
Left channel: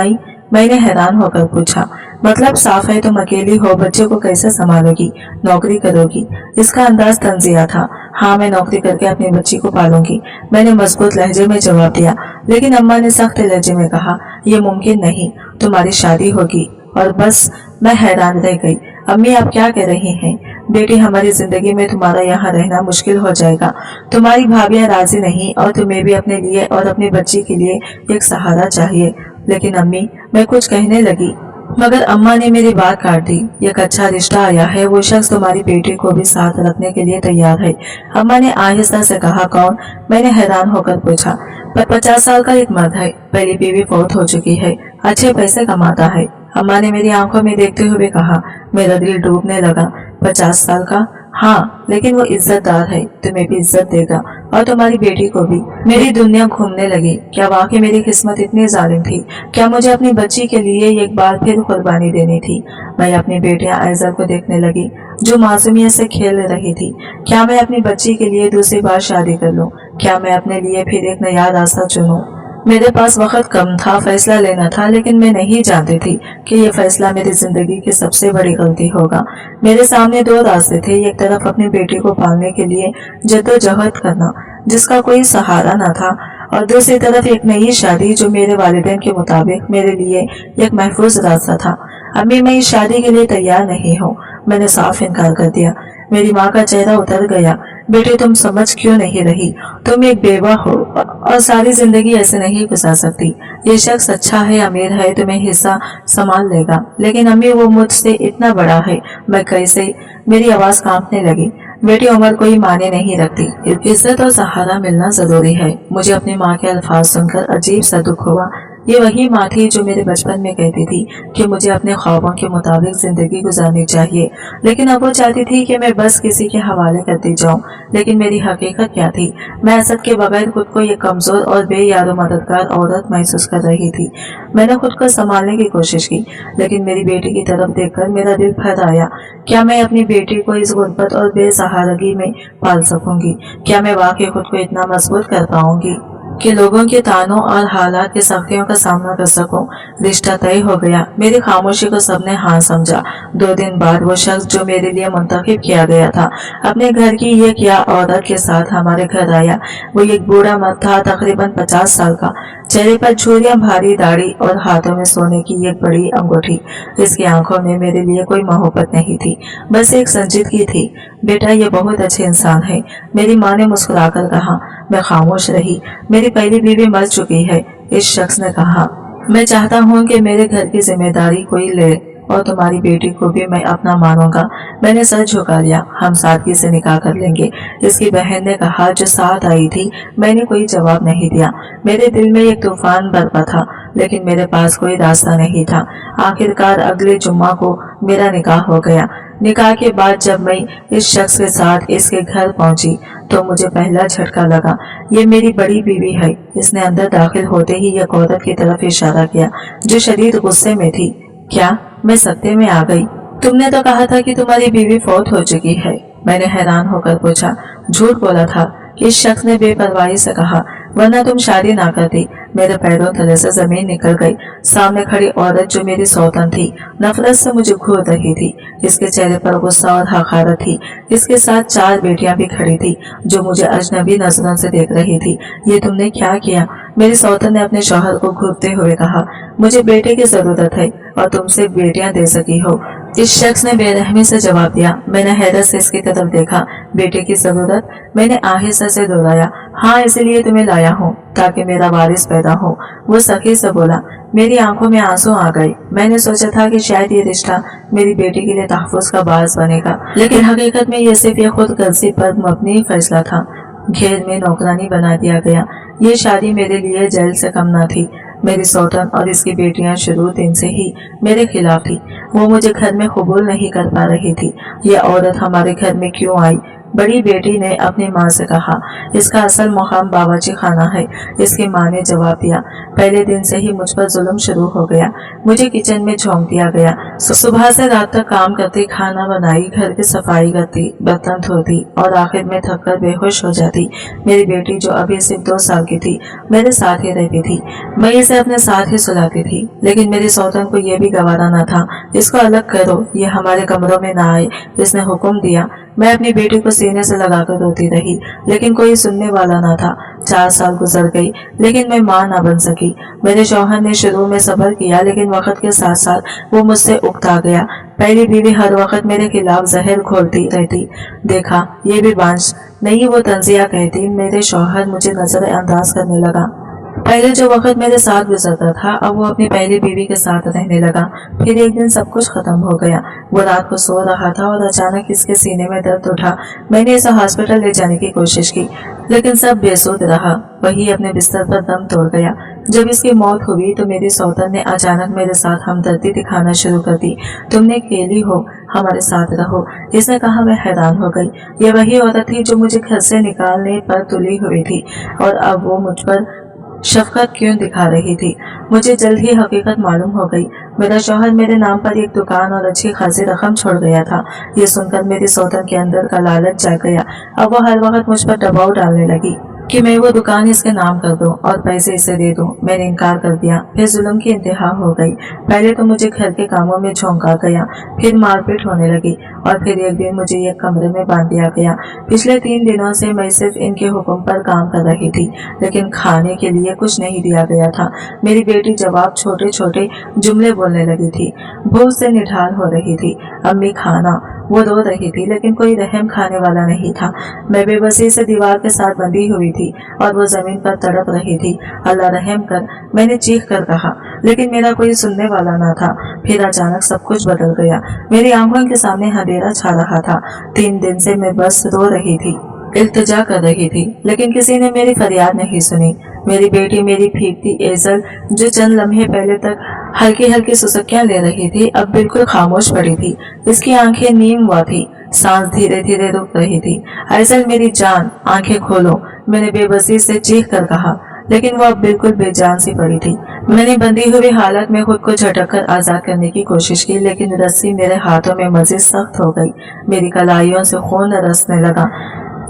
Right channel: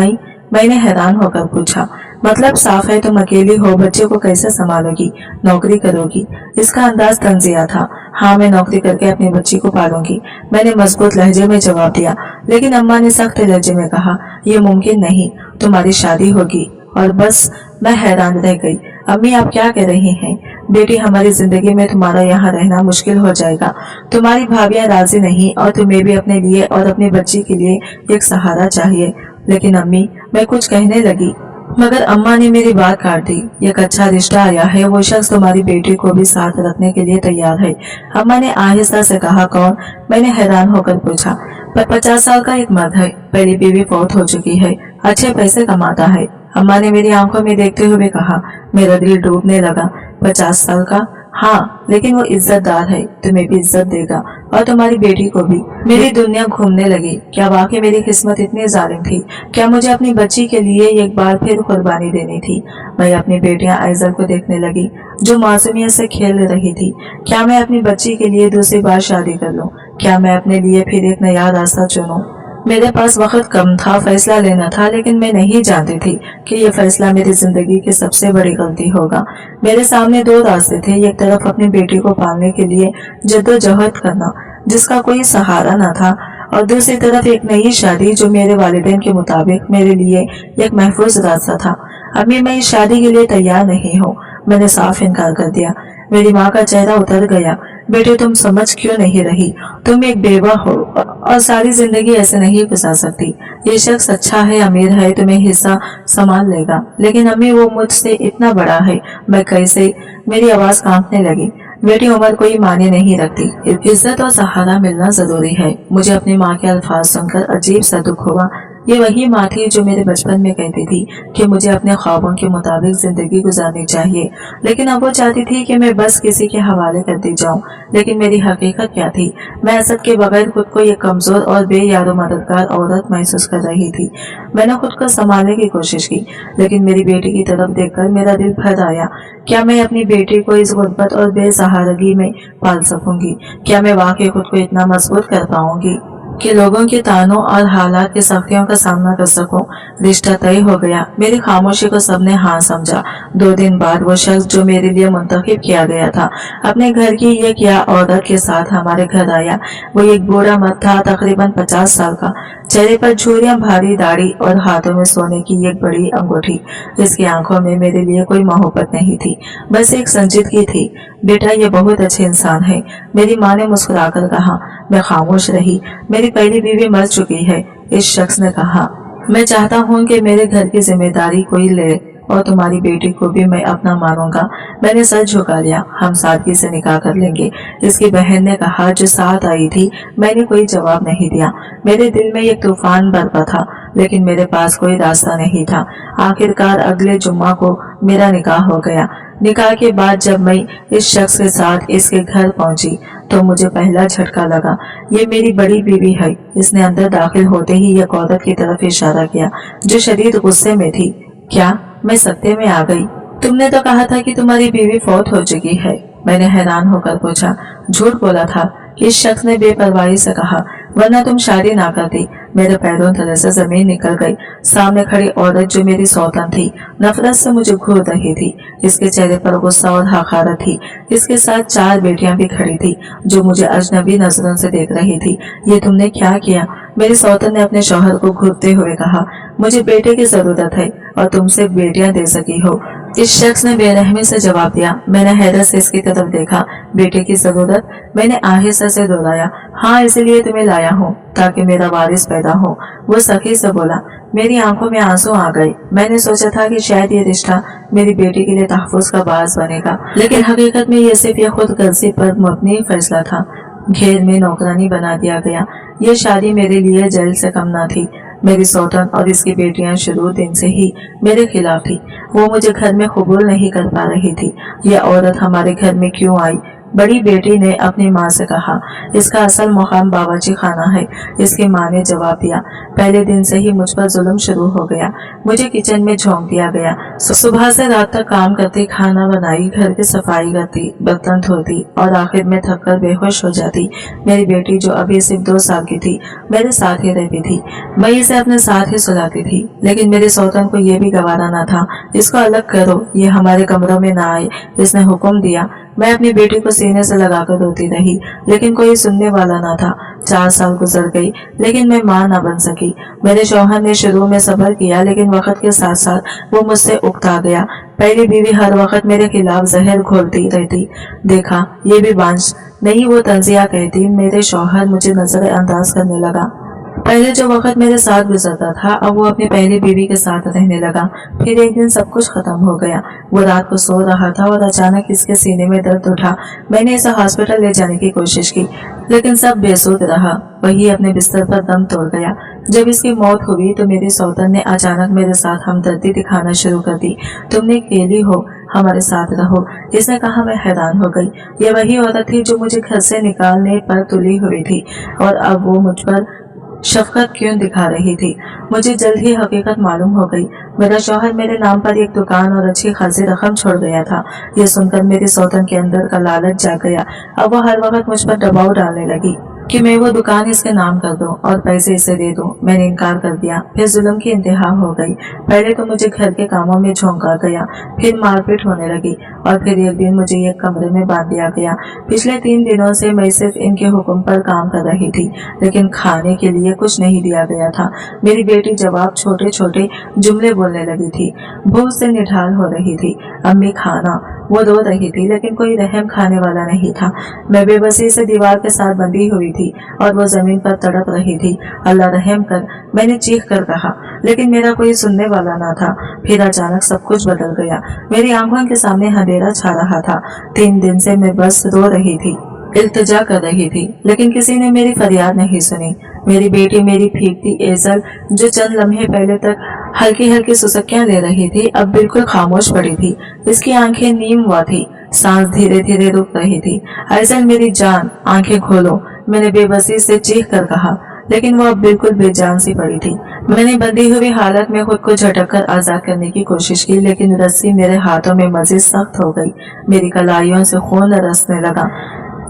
मैंने हैरान होकर पूछा। मतलब साफ है, तुम अकेली हो, बच्चे को कैसे संभालोगी? नौकरी करोगी? इसका अंदाज तंजिया था। हाँ, मैं नौकरी करके अपनी बच्ची को पालूंगी, मैंने मजबूत लहजे में जवाब दिया। लेकिन अम्मा ने सख्त लहजे में कहा, यह मुमकिन नहीं, तुम्हारी शादी होगी। और बस मैं हैरान रह गई। अम्मी, आप क्या कह रही हैं? बेटी, हमारी जिंदगी में तुम्हारा यहाँ रहना मुश्किल हो जाएगा। तुम्हारी भाभियाँ राजी नहीं और तुम्हें भी अपने लिए और अपनी बच्ची के लिए एक सहारा चाहिए। लेकिन अम्मी, मैं कुछ कहने लगी, मगर अम्मा ने मेरी बात काट दी। एक अच्छा रिश्ता आया है, वो शख्स तुम्हारी बेटी को भी साथ रखने के लिए तैयार है। अम्मा ने आहिस्ता से कहा। कौन? मैंने हैरान होकर पूछा। पर 50 साल का एक मर्द है, पहली बीवी फौत हो चुकी है, अच्छे पैसे कमाता है। अम्मा ने मेरी आंखों में देखते हुए कहा। मेरा दिल डूबने लगा। 50 साल का? हाँ, लेकिन वो इज्जतदार है, तुम्हें भी इज्जत देगा और तुम्हारी बेटी को भी। मेरी दुनिया घूमने लगी। क्या वाकई मेरी किस्मत इतनी जालिम थी? क्या मुझे अपनी बच्ची के लिए एक बार फिर कुर्बानी देनी थी? मैं अपनी बेटियां आइजल को देखने लगी जो मासूमियत से खेल रही थी। क्या मैं अपनी बच्ची के लिए दूसरी बार शादी कर लूं? क्या मैं अपने लिए फिर एक नया रास्ता चुनूं? मेरे पास वक्त कम था, फैसला लेना था, लेकिन मैं नहीं जानती थी कि यह फैसला मेरी जिंदगी की सबसे बड़ी गलती होगा। मेरे सामने 2 रास्ते थे। एक तरफ अपनी बेटी को पालने के लिए जद्दोजहद करना जिसका कोई सहारा न था, और दूसरी तरफ एक नई शादी जो मेरे वालिदैन के मुताबिक मेरे लिए एक महफूज रास्ता था। अम्मी, मैं इस शादी के लिए तैयार नहीं हूँ। मैंने साफ इनकार कर दिया। मेरी माँ का चेहरा उतर गया। बेटे, तुम समझ क्यों नहीं रही? तुम एक बेवा हो और सारी जिंदगी ऐसे नहीं गुजार सकती। ये शख्स अच्छा है, अमीर है, तुम्हें हिस्सा संभाल लेगा, लेकिन अम्मी वो मुझसे इतना बड़ा है, मैं कैसे? मेरी आवाज कांपने लगी। बेटी, उम्र कोई मायने नहीं रखती, इज्जत और सहारा मिलना जरूरी है। मुझे अपनी माँ के अल्फाज सुनकर अजीब सा दुख हुआ। ये वही माँ थी जो मेरे बचपन में कहती थी कि मुझे अपने ख्वाबों के मुताबिक जिंदगी गुजारनी चाहिए, लेकिन अब वो चाहती थी कि मैं बस किसी के हवाले कर दी जाऊं। लेकिन मेरी हकीकत क्या थी? मैं असद के बगैर खुद को एक कमजोर और बेयारो मददगार औरत महसूस कर रही थी। मैंने खुद को संभालने की कोशिश की, लेकिन मेरी बेटी की तरफ देखकर मेरा दिल भर आया। क्या मैं अपनी बेटी को इस गुर्बत और बेसहारगी में पाल सकूंगी? क्या मैं वाकई खुद को इतना मजबूत कर पाऊंगी कि लोगों के तानों और हालात की सख्तियों का सामना कर सकूं? रिश्ता तय हो गया। मेरी खामोशी को सबने हाँ समझा। 2 दिन बाद वो शख्स जो मेरे लिए मुंतखब किया गया था अपने घर की एक या औरत के साथ हमारे घर आया। वो एक बूढ़ा मर्द था, तकरीबन 50 साल का। चेहरे पर झुर्रियां, भारी दाढ़ी और हाथों में सोने की एक बड़ी अंगूठी। इसकी आंखों में मेरे लिए कोई मोहब्बत नहीं थी, बस एक संजीदगी थी। बेटा, ये बहुत अच्छे इंसान है, मेरी माँ ने मुस्कुराकर कहा। मैं खामोश रही। मेरी पहली बीवी मर चुकी है, इस शख्स ने कहा। मैं चाहता हूँ कि मेरे घर की जिम्मेदारी कोई ले और तुम्हारी बेटी को भी मैं अपना मानूंगा। मैंने सर झुका लिया। हम सादगी से निकाह कर लेंगे, इसकी बहन ने कहा जो साथ आई थी। मैंने कोई जवाब नहीं दिया। मेरे दिल में एक तूफान बरपा था, लेकिन मेरे पास कोई रास्ता नहीं था। आखिरकार अगले जुम्मा को मेरा निकाह हो गया। निकाह के बाद जब मैं इस शख्स के साथ इसके घर पहुंची तो मुझे पहला झटका लगा। ये मेरी बड़ी बीवी है। इसने अंदर दाखिल होते ही एक औरत की तरफ इशारा किया जो शदीद गुस्से में थी। क्या? मैं सत्ते में आ गई। तुमने तो कहा था कि तुम्हारी बीवी फौत हो चुकी है। मैंने हैरान होकर पूछा। झूठ बोला था, इस शख्स ने बेपरवाही से कहा, वरना तुम शादी ना करती। मेरे पैरों तले से जमीन निकल गई। सामने खड़ी औरत जो मेरी सौतन थी नफरत से मुझे घूर रही थी। इसके चेहरे पर गुस्सा और हकारत थी। इसके साथ 4 बेटियां भी खड़ी थी जो मुझे अजनबी नजरों से देख रही थी। ये तुमने क्या किया? मेरी सौतन ने अपने शौहर को घूरते हुए कहा। मुझे बेटे की जरूरत है और तुम सिर्फ बेटियां दे सकी हो, इस शख्स ने बेरहमी से जवाब दिया। मैंने हैरत से इसकी तरफ देखा। बेटे की जरूरत? मैंने आहिस्ता से दोहराया। हाँ, इसलिए तुम्हें लाया हूँ ताकि मेरा वारिस पैदा हो, वो सखी से बोला। मेरी आंखों में आंसू आ गए। मैंने सोचा था कि शायद ये रिश्ता मेरी बेटी के लिए तहफ्फुज का बास बनेगा, लेकिन हकीकत में ये सिर्फ खुद गर्जी पर मबनी फैसला था। घेर में नौकरानी बना दिया गया। ये शादी मेरे लिए जेल से कम न थी। मेरी सौतन और इसकी बेटियां शुरू दिन से ही मेरे खिलाफ थी। वो मुझे घर में कबूल नहीं कर पा रही थी। यह औरत हमारे घर में क्यों आई? बड़ी बेटी ने अपनी माँ से कहा। इसका असल मुकाम बावर्ची खाना है, इसकी माँ ने जवाब दिया। पहले दिन से ही मुझ पर जुल्म शुरू हो गया। मुझे किचन में झोंक दिया गया। सुबह से रात तक काम करती, खाना बनाई, घर की सफाई करती, बर्तन धोती और आखिर में थक कर बेहोश हो जाती। मेरी बेटी जो अभी सिर्फ 2 साल की थी मेरे साथ ही रहती थी। मैं इसे अपने साथ ही सुलाती थी, लेकिन मेरी सौतन को यह भी गवारा न था। इसको अलग करो, ये हमारे कमरों में ना आए, इसने हुक्म दिया। मैं अपनी बेटी को सीने से लगाकर रोती रही, लेकिन कोई सुनने वाला न था। 4 साल गुजर गई, लेकिन मैं माँ न बन सकी। मेरे शौहर ने शुरू में सब्र किया, लेकिन वक्त के साथ साथ वो मुझसे उकता गया। पहली बीवी हर वक्त मेरे खिलाफ जहर घोलती रहती। देखा, ये भी बांझ नहीं, वो तंजिया कहती। मेरे शौहर मुझे नजरअंदाज करने लगा। पहले जो वक्त मेरे साथ गुजरता था, अब वो अपनी पहली बीवी के साथ रहने लगा। फिर एक दिन सब कुछ खत्म हो गया। वो रात को सो रहा था और अचानक इसके सीने में दर्द उठा। मैंने इसे हॉस्पिटल ले जाने की कोशिश की, लेकिन सब बेसुध रहा। वही अपने बिस्तर पर दम तोड़ गया। जब इसकी मौत हुई तो मेरी सौतन ने अचानक मेरे साथ हमदर्दी दिखाना शुरू कर दी। तुमने अकेली हो, हमारे साथ रहो। इसने कहा। मैं हैरान हो गई। ये वही औरत थी जो मुझे घर से निकालने पर तुली हुई थी और अब वो मुझ पर शफकत क्यों दिखा रही थी। मुझे जल्द ही हकीकत मालूम हो गई। मेरा शौहर मेरे नाम पर एक दुकान और अच्छी खासी रकम छोड़ गया था। ये सुनकर मेरी सौतन के अंदर का लालच जाग गया। अब वो हर वक्त मुझ पर दबाव डालने लगी कि मैं वो दुकान इसके नाम कर दूं और पैसे इसे दे दूं। मैंने इनकार कर दिया। फिर जुल्म की इंतहा हो गई। पहले तो मुझे घर के कामों में झोंका गया, फिर मारपीट होने लगी और फिर एक दिन मुझे एक कमरे में बांध दिया गया। पिछले 3 दिनों से मैं सिर्फ इनके हुक्म पर काम कर रही थी, लेकिन खाने के लिए कुछ नहीं दिया गया था। मेरी बेटी जवाब छोटे छोटे जुमले बोलने लगी थी। भूख से निढाल हो रही थी। अम्मी खाना। वो रो रही थी, लेकिन कोई रहम खाने वाला नहीं था। मैं बेबसी से दीवार के साथ बंधी हुई थी और वो जमीन पर तड़प रही थी। अल्लाह रहम कर, मैंने चीख कर कहा, लेकिन मेरा कोई सुनने वाला ना था। फिर अचानक सब कुछ बदल गया। मेरी आंखों के सामने अंधेरा छा रहा था। 3 दिन से मैं बस रो रही थी, इल्तिजा कर रही थी, लेकिन किसी ने मेरी फरियाद नहीं सुनी। मेरी बेटी, मेरी फीकती एजल, जो चंद लम्हे पहले तक हल्की हल्की सुसक्कियां ले रही थी, अब बिल्कुल खामोश पड़ी थी। इसकी आंखें नीम हुआ थी, सांस धीरे धीरे रुक रही थी। एजल मेरी जान, आंखें खोलो, मैंने बेबसी से चीख कर कहा, लेकिन वो अब बिल्कुल बेजान सी पड़ी थी। मैंने बंधी हुई हालत में खुद को झटक कर आजाद करने की कोशिश की, लेकिन रस्सी मेरे हाथों में मजीद सख्त हो गई। मेरी कलाइयों से खून रसने लगा,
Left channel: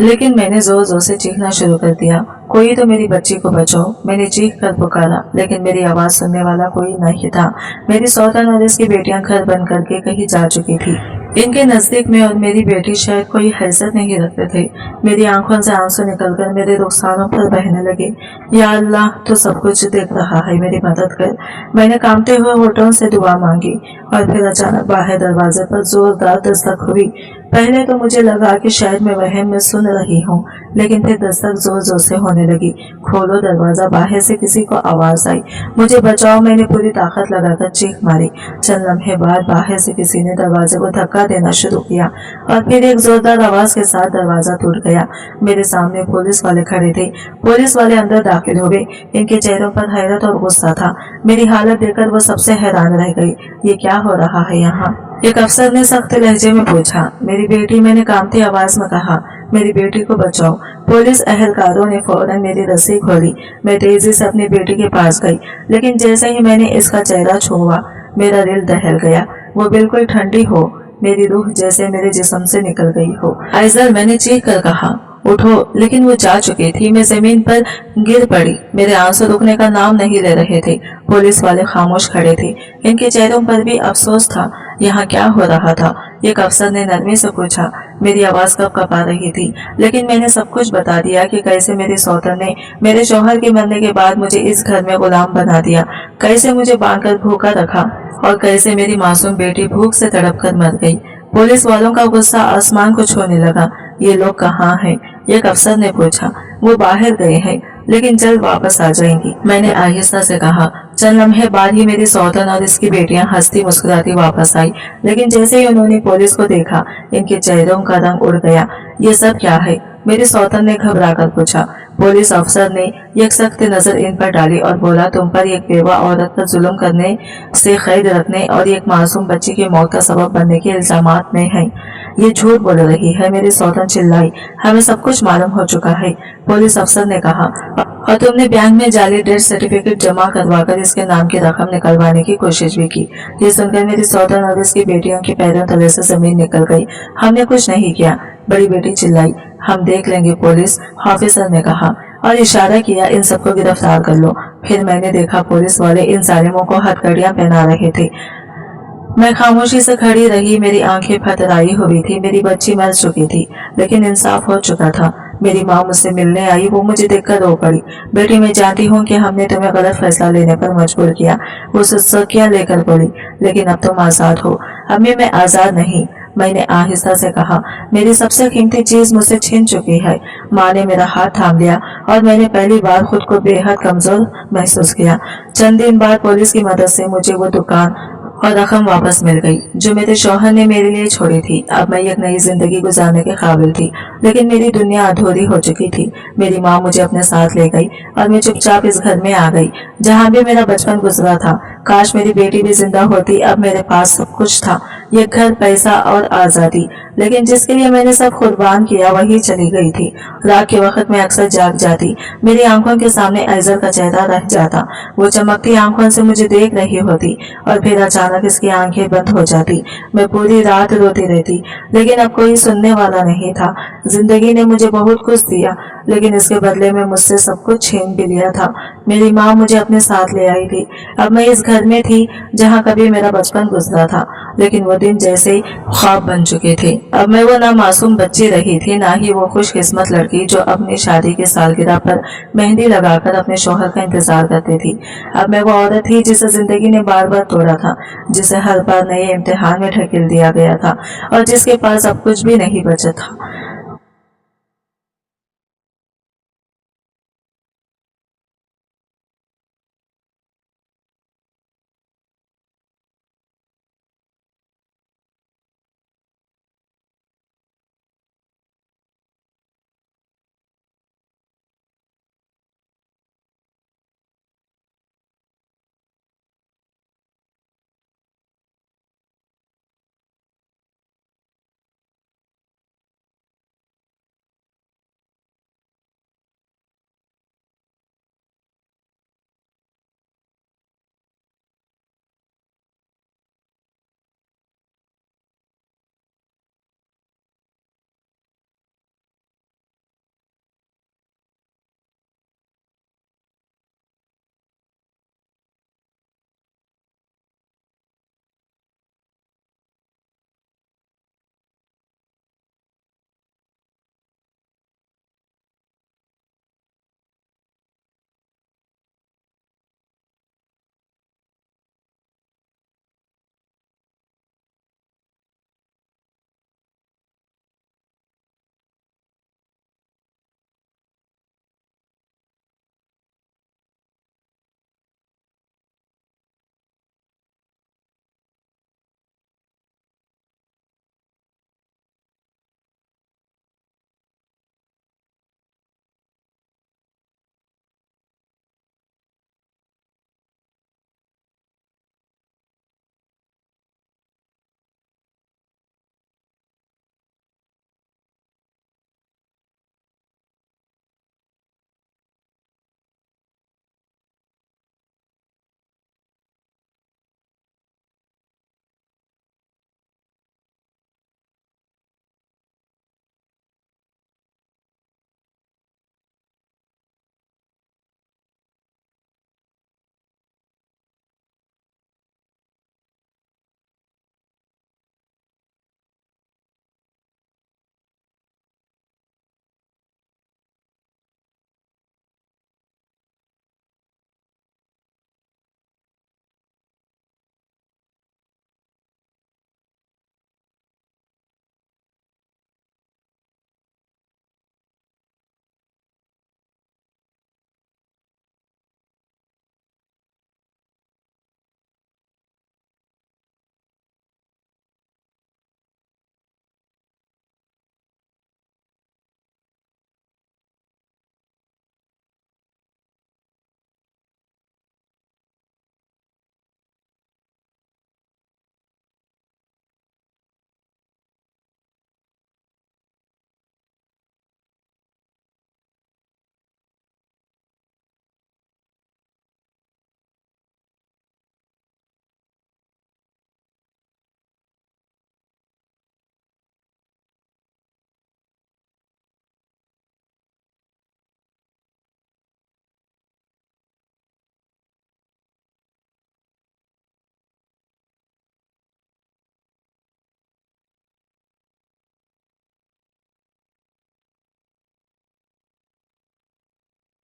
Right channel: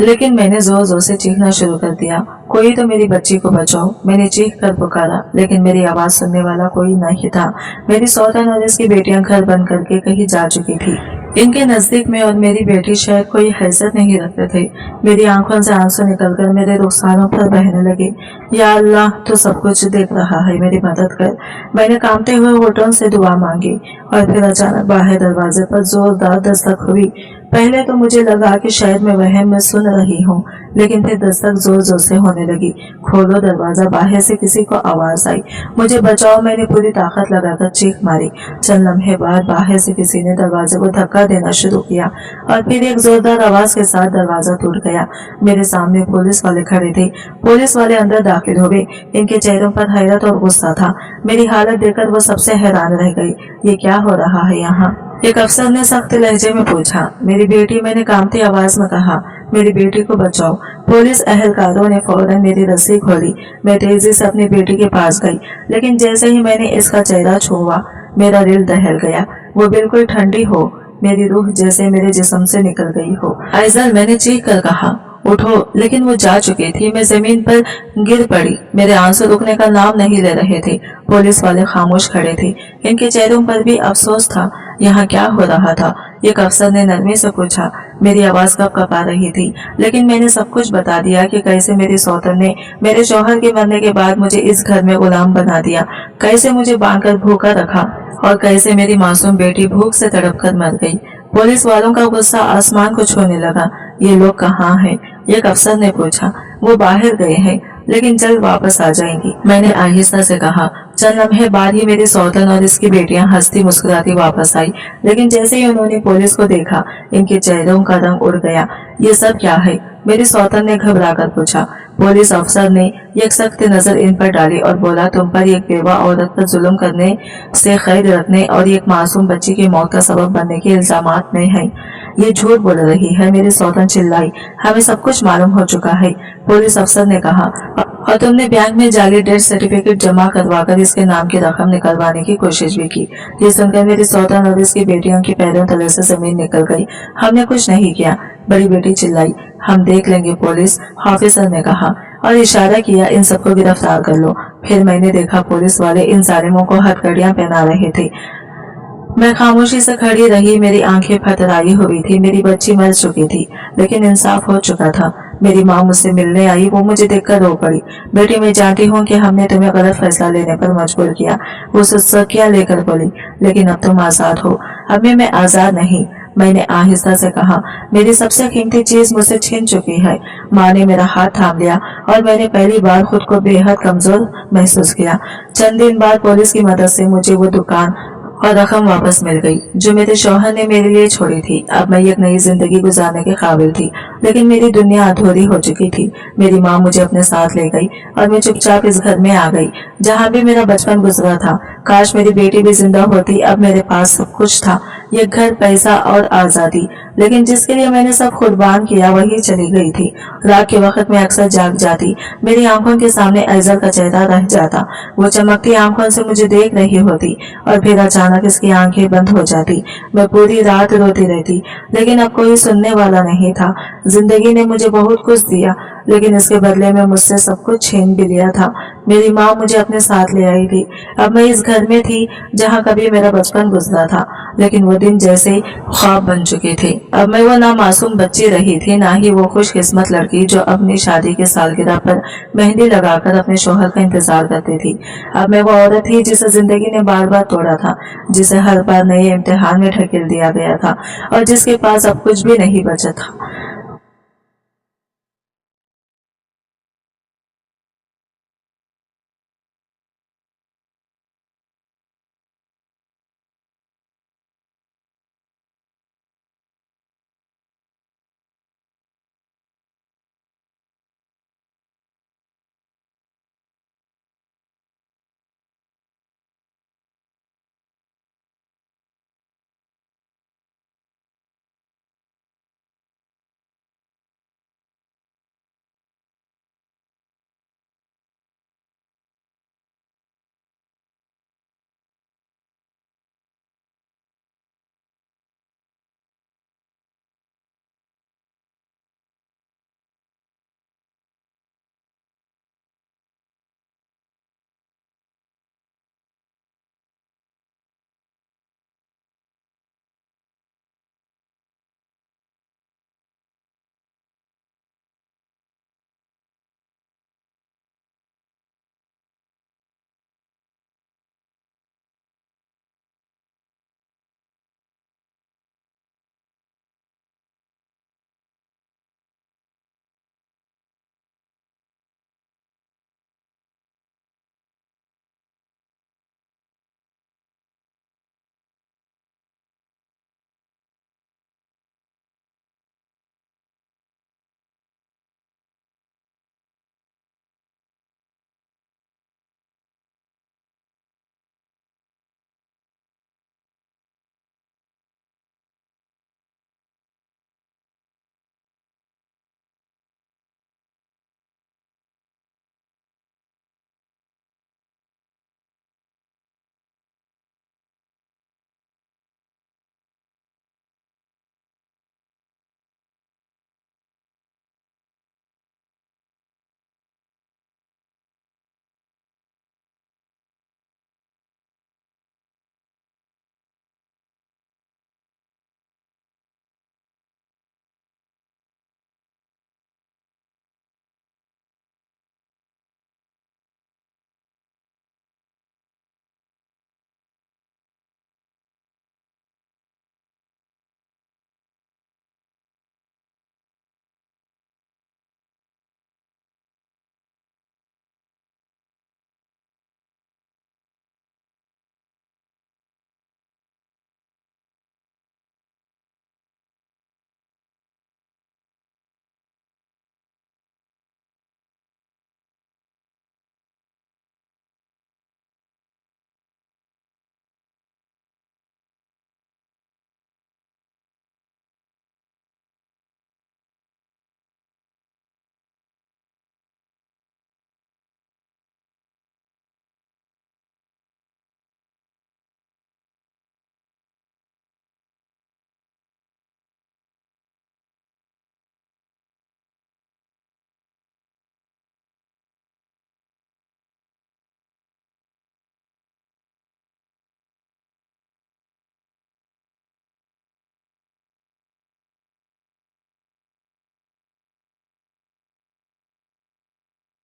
लेकिन मैंने जोर जोर से चीखना शुरू कर दिया, कोई तो मेरी बच्ची को बचाओ। मैंने चीख कर पुकारा, लेकिन मेरी आवाज सुनने वाला कोई नहीं था। मेरी सौतन और इसकी बेटियां घर बंद करके कहीं जा चुकी थी। इनके नजदीक में और मेरी बेटी शायद कोई हैसियत नहीं रखते थे। मेरी आंखों से आंसू निकलकर मेरे रुखसारों पर बहने लगे। या अल्लाह, तो सब कुछ देख रहा है, मेरी मदद कर। मैंने कांपते हुए होठों से दुआ मांगी और फिर अचानक बाहर दरवाजे पर जोरदार दस्तक हुई। पहले तो मुझे लगा कि शायद मैं वहम में सुन रही हूँ, लेकिन फिर दस्तक जोर जोर से होने लगी। खोलो दरवाजा, बाहर से किसी को आवाज आई, मुझे बचाओ। मैंने पूरी ताकत लगाकर चीख मारी। चंद लम्हे बाद बाहर से किसी ने दरवाजे को धक्का देना शुरू किया और फिर एक जोरदार आवाज के साथ दरवाजा टूट गया। मेरे सामने पुलिस वाले खड़े थे। पुलिस वाले अंदर दाखिल हुए। इनके चेहरों पर हैरत और गुस्सा था। मेरी हालत देखकर वो सबसे हैरान रह गई। ये क्या हो रहा है यहाँ? एक अफसर ने सख्त लहजे में पूछा। मेरी बेटी, मैंने कांपती आवाज में कहा, मेरी बेटी को बचाओ। पुलिस अहलकारों ने फौरन मेरी रस्सी खोली। मैं तेजी से अपनी बेटी के पास गई, लेकिन जैसे ही मैंने इसका चेहरा छुआ, मेरा दिल दहल गया। वो बिल्कुल ठंडी हो, मेरी रूह जैसे मेरे जिस्म से निकल गई हो। आइजल, मैंने चीख कर कहा, उठो, लेकिन वो जा चुकी थी। मैं जमीन पर गिर पड़ी। मेरे आंसू रुकने का नाम नहीं ले रहे थे। पुलिस वाले खामोश खड़े थे। इनके चेहरों पर भी अफसोस था। यहाँ क्या हो रहा था? एक अफसर ने नरमी से पूछा। मेरी आवाज कब कपा रही थी, लेकिन मैंने सब कुछ बता दिया कि कैसे मेरी सौतन ने मेरे शौहर के मरने के बाद मुझे इस घर में गुलाम बना दिया, कैसे मुझे बांधकर भूखा रखा और कैसे मेरी मासूम बेटी भूख से तड़प कर मर गई। पुलिस वालों का गुस्सा आसमान को छूने लगा। ये लोग कहाँ हैं? एक अफसर ने पूछा। वो बाहर गए हैं, लेकिन जल्द वापस आ जाएंगी, मैंने आहिस्ता से कहा। चंद लम्हे बाद ही मेरी सौतन और इसकी बेटियां हंसती मुस्कुराती वापस आई, लेकिन जैसे ही उन्होंने पुलिस को देखा, इनके चेहरों का रंग उड़ गया। ये सब क्या है? मेरी सौतन ने घबरा कर पूछा। पुलिस अफसर ने एक सख्त नजर इन पर डाली और बोला, तुम पर एक बेवा औरत पर जुल्म करने से कैद रखने और एक मासूम बच्ची की मौत का सबब बनने के इल्जामात में है। ये झूठ बोल रही है। मेरी सौतन चिल्लाई। हमें सब कुछ मालूम हो चुका है, पुलिस अफसर ने कहा, और तुमने बैंक में जाली डेथ सर्टिफिकेट जमा करवाकर इसके नाम की रकम निकलवाने की कोशिश भी की। ये सुनकर मेरी सौतन और इसकी बेटियों के पैरों तले से जमीन निकल गई। हमने कुछ नहीं किया, बड़ी बेटी चिल्लाई। हम देख लेंगे, पुलिस ऑफिसर ने कहा और इशारा किया, इन सबको गिरफ्तार कर लो। फिर मैंने देखा पुलिस वाले इन जालिमों को हथकड़ियां पहना रहे थे। मैं खामोशी से खड़ी रही। मेरी आंखें फतराई हुई थी। मेरी बच्ची मर चुकी थी, लेकिन इंसाफ हो चुका था। मेरी माँ मुझसे मिलने आई। वो मुझे देखकर रो पड़ी। बेटी, मैं जानती हूँ कि हमने तुम्हें गलत फैसला लेने पर मजबूर किया। वो सुसक्कियां लेकर बोली, लेकिन अब तुम आजाद हो। अब मैं आजाद नहीं, मैंने आहिस्ता से कहा। मेरी सबसे कीमती चीज मुझसे छीन चुकी है। माँ ने मेरा हाथ थाम लिया और मैंने पहली बार खुद को बेहद कमजोर महसूस किया। चंद दिन बाद पुलिस की मदद से मुझे वो दुकान और रकम वापस मिल गई जो मेरे शौहर ने मेरे लिए छोड़ी थी। अब मैं एक नई जिंदगी गुजारने के काबिल थी, लेकिन मेरी दुनिया अधूरी हो चुकी थी। मेरी माँ मुझे अपने साथ ले गई और मैं चुपचाप इस घर में आ गई जहाँ भी मेरा बचपन गुजरा था। काश मेरी बेटी भी जिंदा होती। अब मेरे पास सब कुछ था, ये घर, पैसा और आजादी, लेकिन जिसके लिए मैंने सब कुर्बान किया वही चली गई थी। रात के वक्त मैं अक्सर जाग जाती, मेरी आंखों के सामने ऐजल का चेहरा रह जाता। वो चमकती आंखों से मुझे देख रही होती और फिर अचानक इसकी आंखें बंद हो जाती। मैं पूरी रात रोती रहती, लेकिन अब कोई सुनने वाला नहीं था। जिंदगी ने मुझे बहुत कुछ दिया, लेकिन इसके बदले में मुझसे सब कुछ छीन भी लिया था। मेरी माँ मुझे अपने साथ ले आई थी। अब मैं इस घर में थी जहाँ कभी मेरा बचपन गुजरा था, लेकिन वो दिन जैसे ख्वाब बन चुके थे। अब मैं वो ना मासूम बच्ची रही थी, ना ही वो खुशकिस्मत लड़की जो अपनी शादी की सालगिरह पर मेहंदी लगाकर अपने शौहर का इंतजार करती थी। अब मैं वो औरत थी जिसे जिंदगी ने बार बार तोड़ा था, जिसे हर बार नए इम्तिहान में ढकेल दिया गया था और जिसके पास अब कुछ भी नहीं बचा था।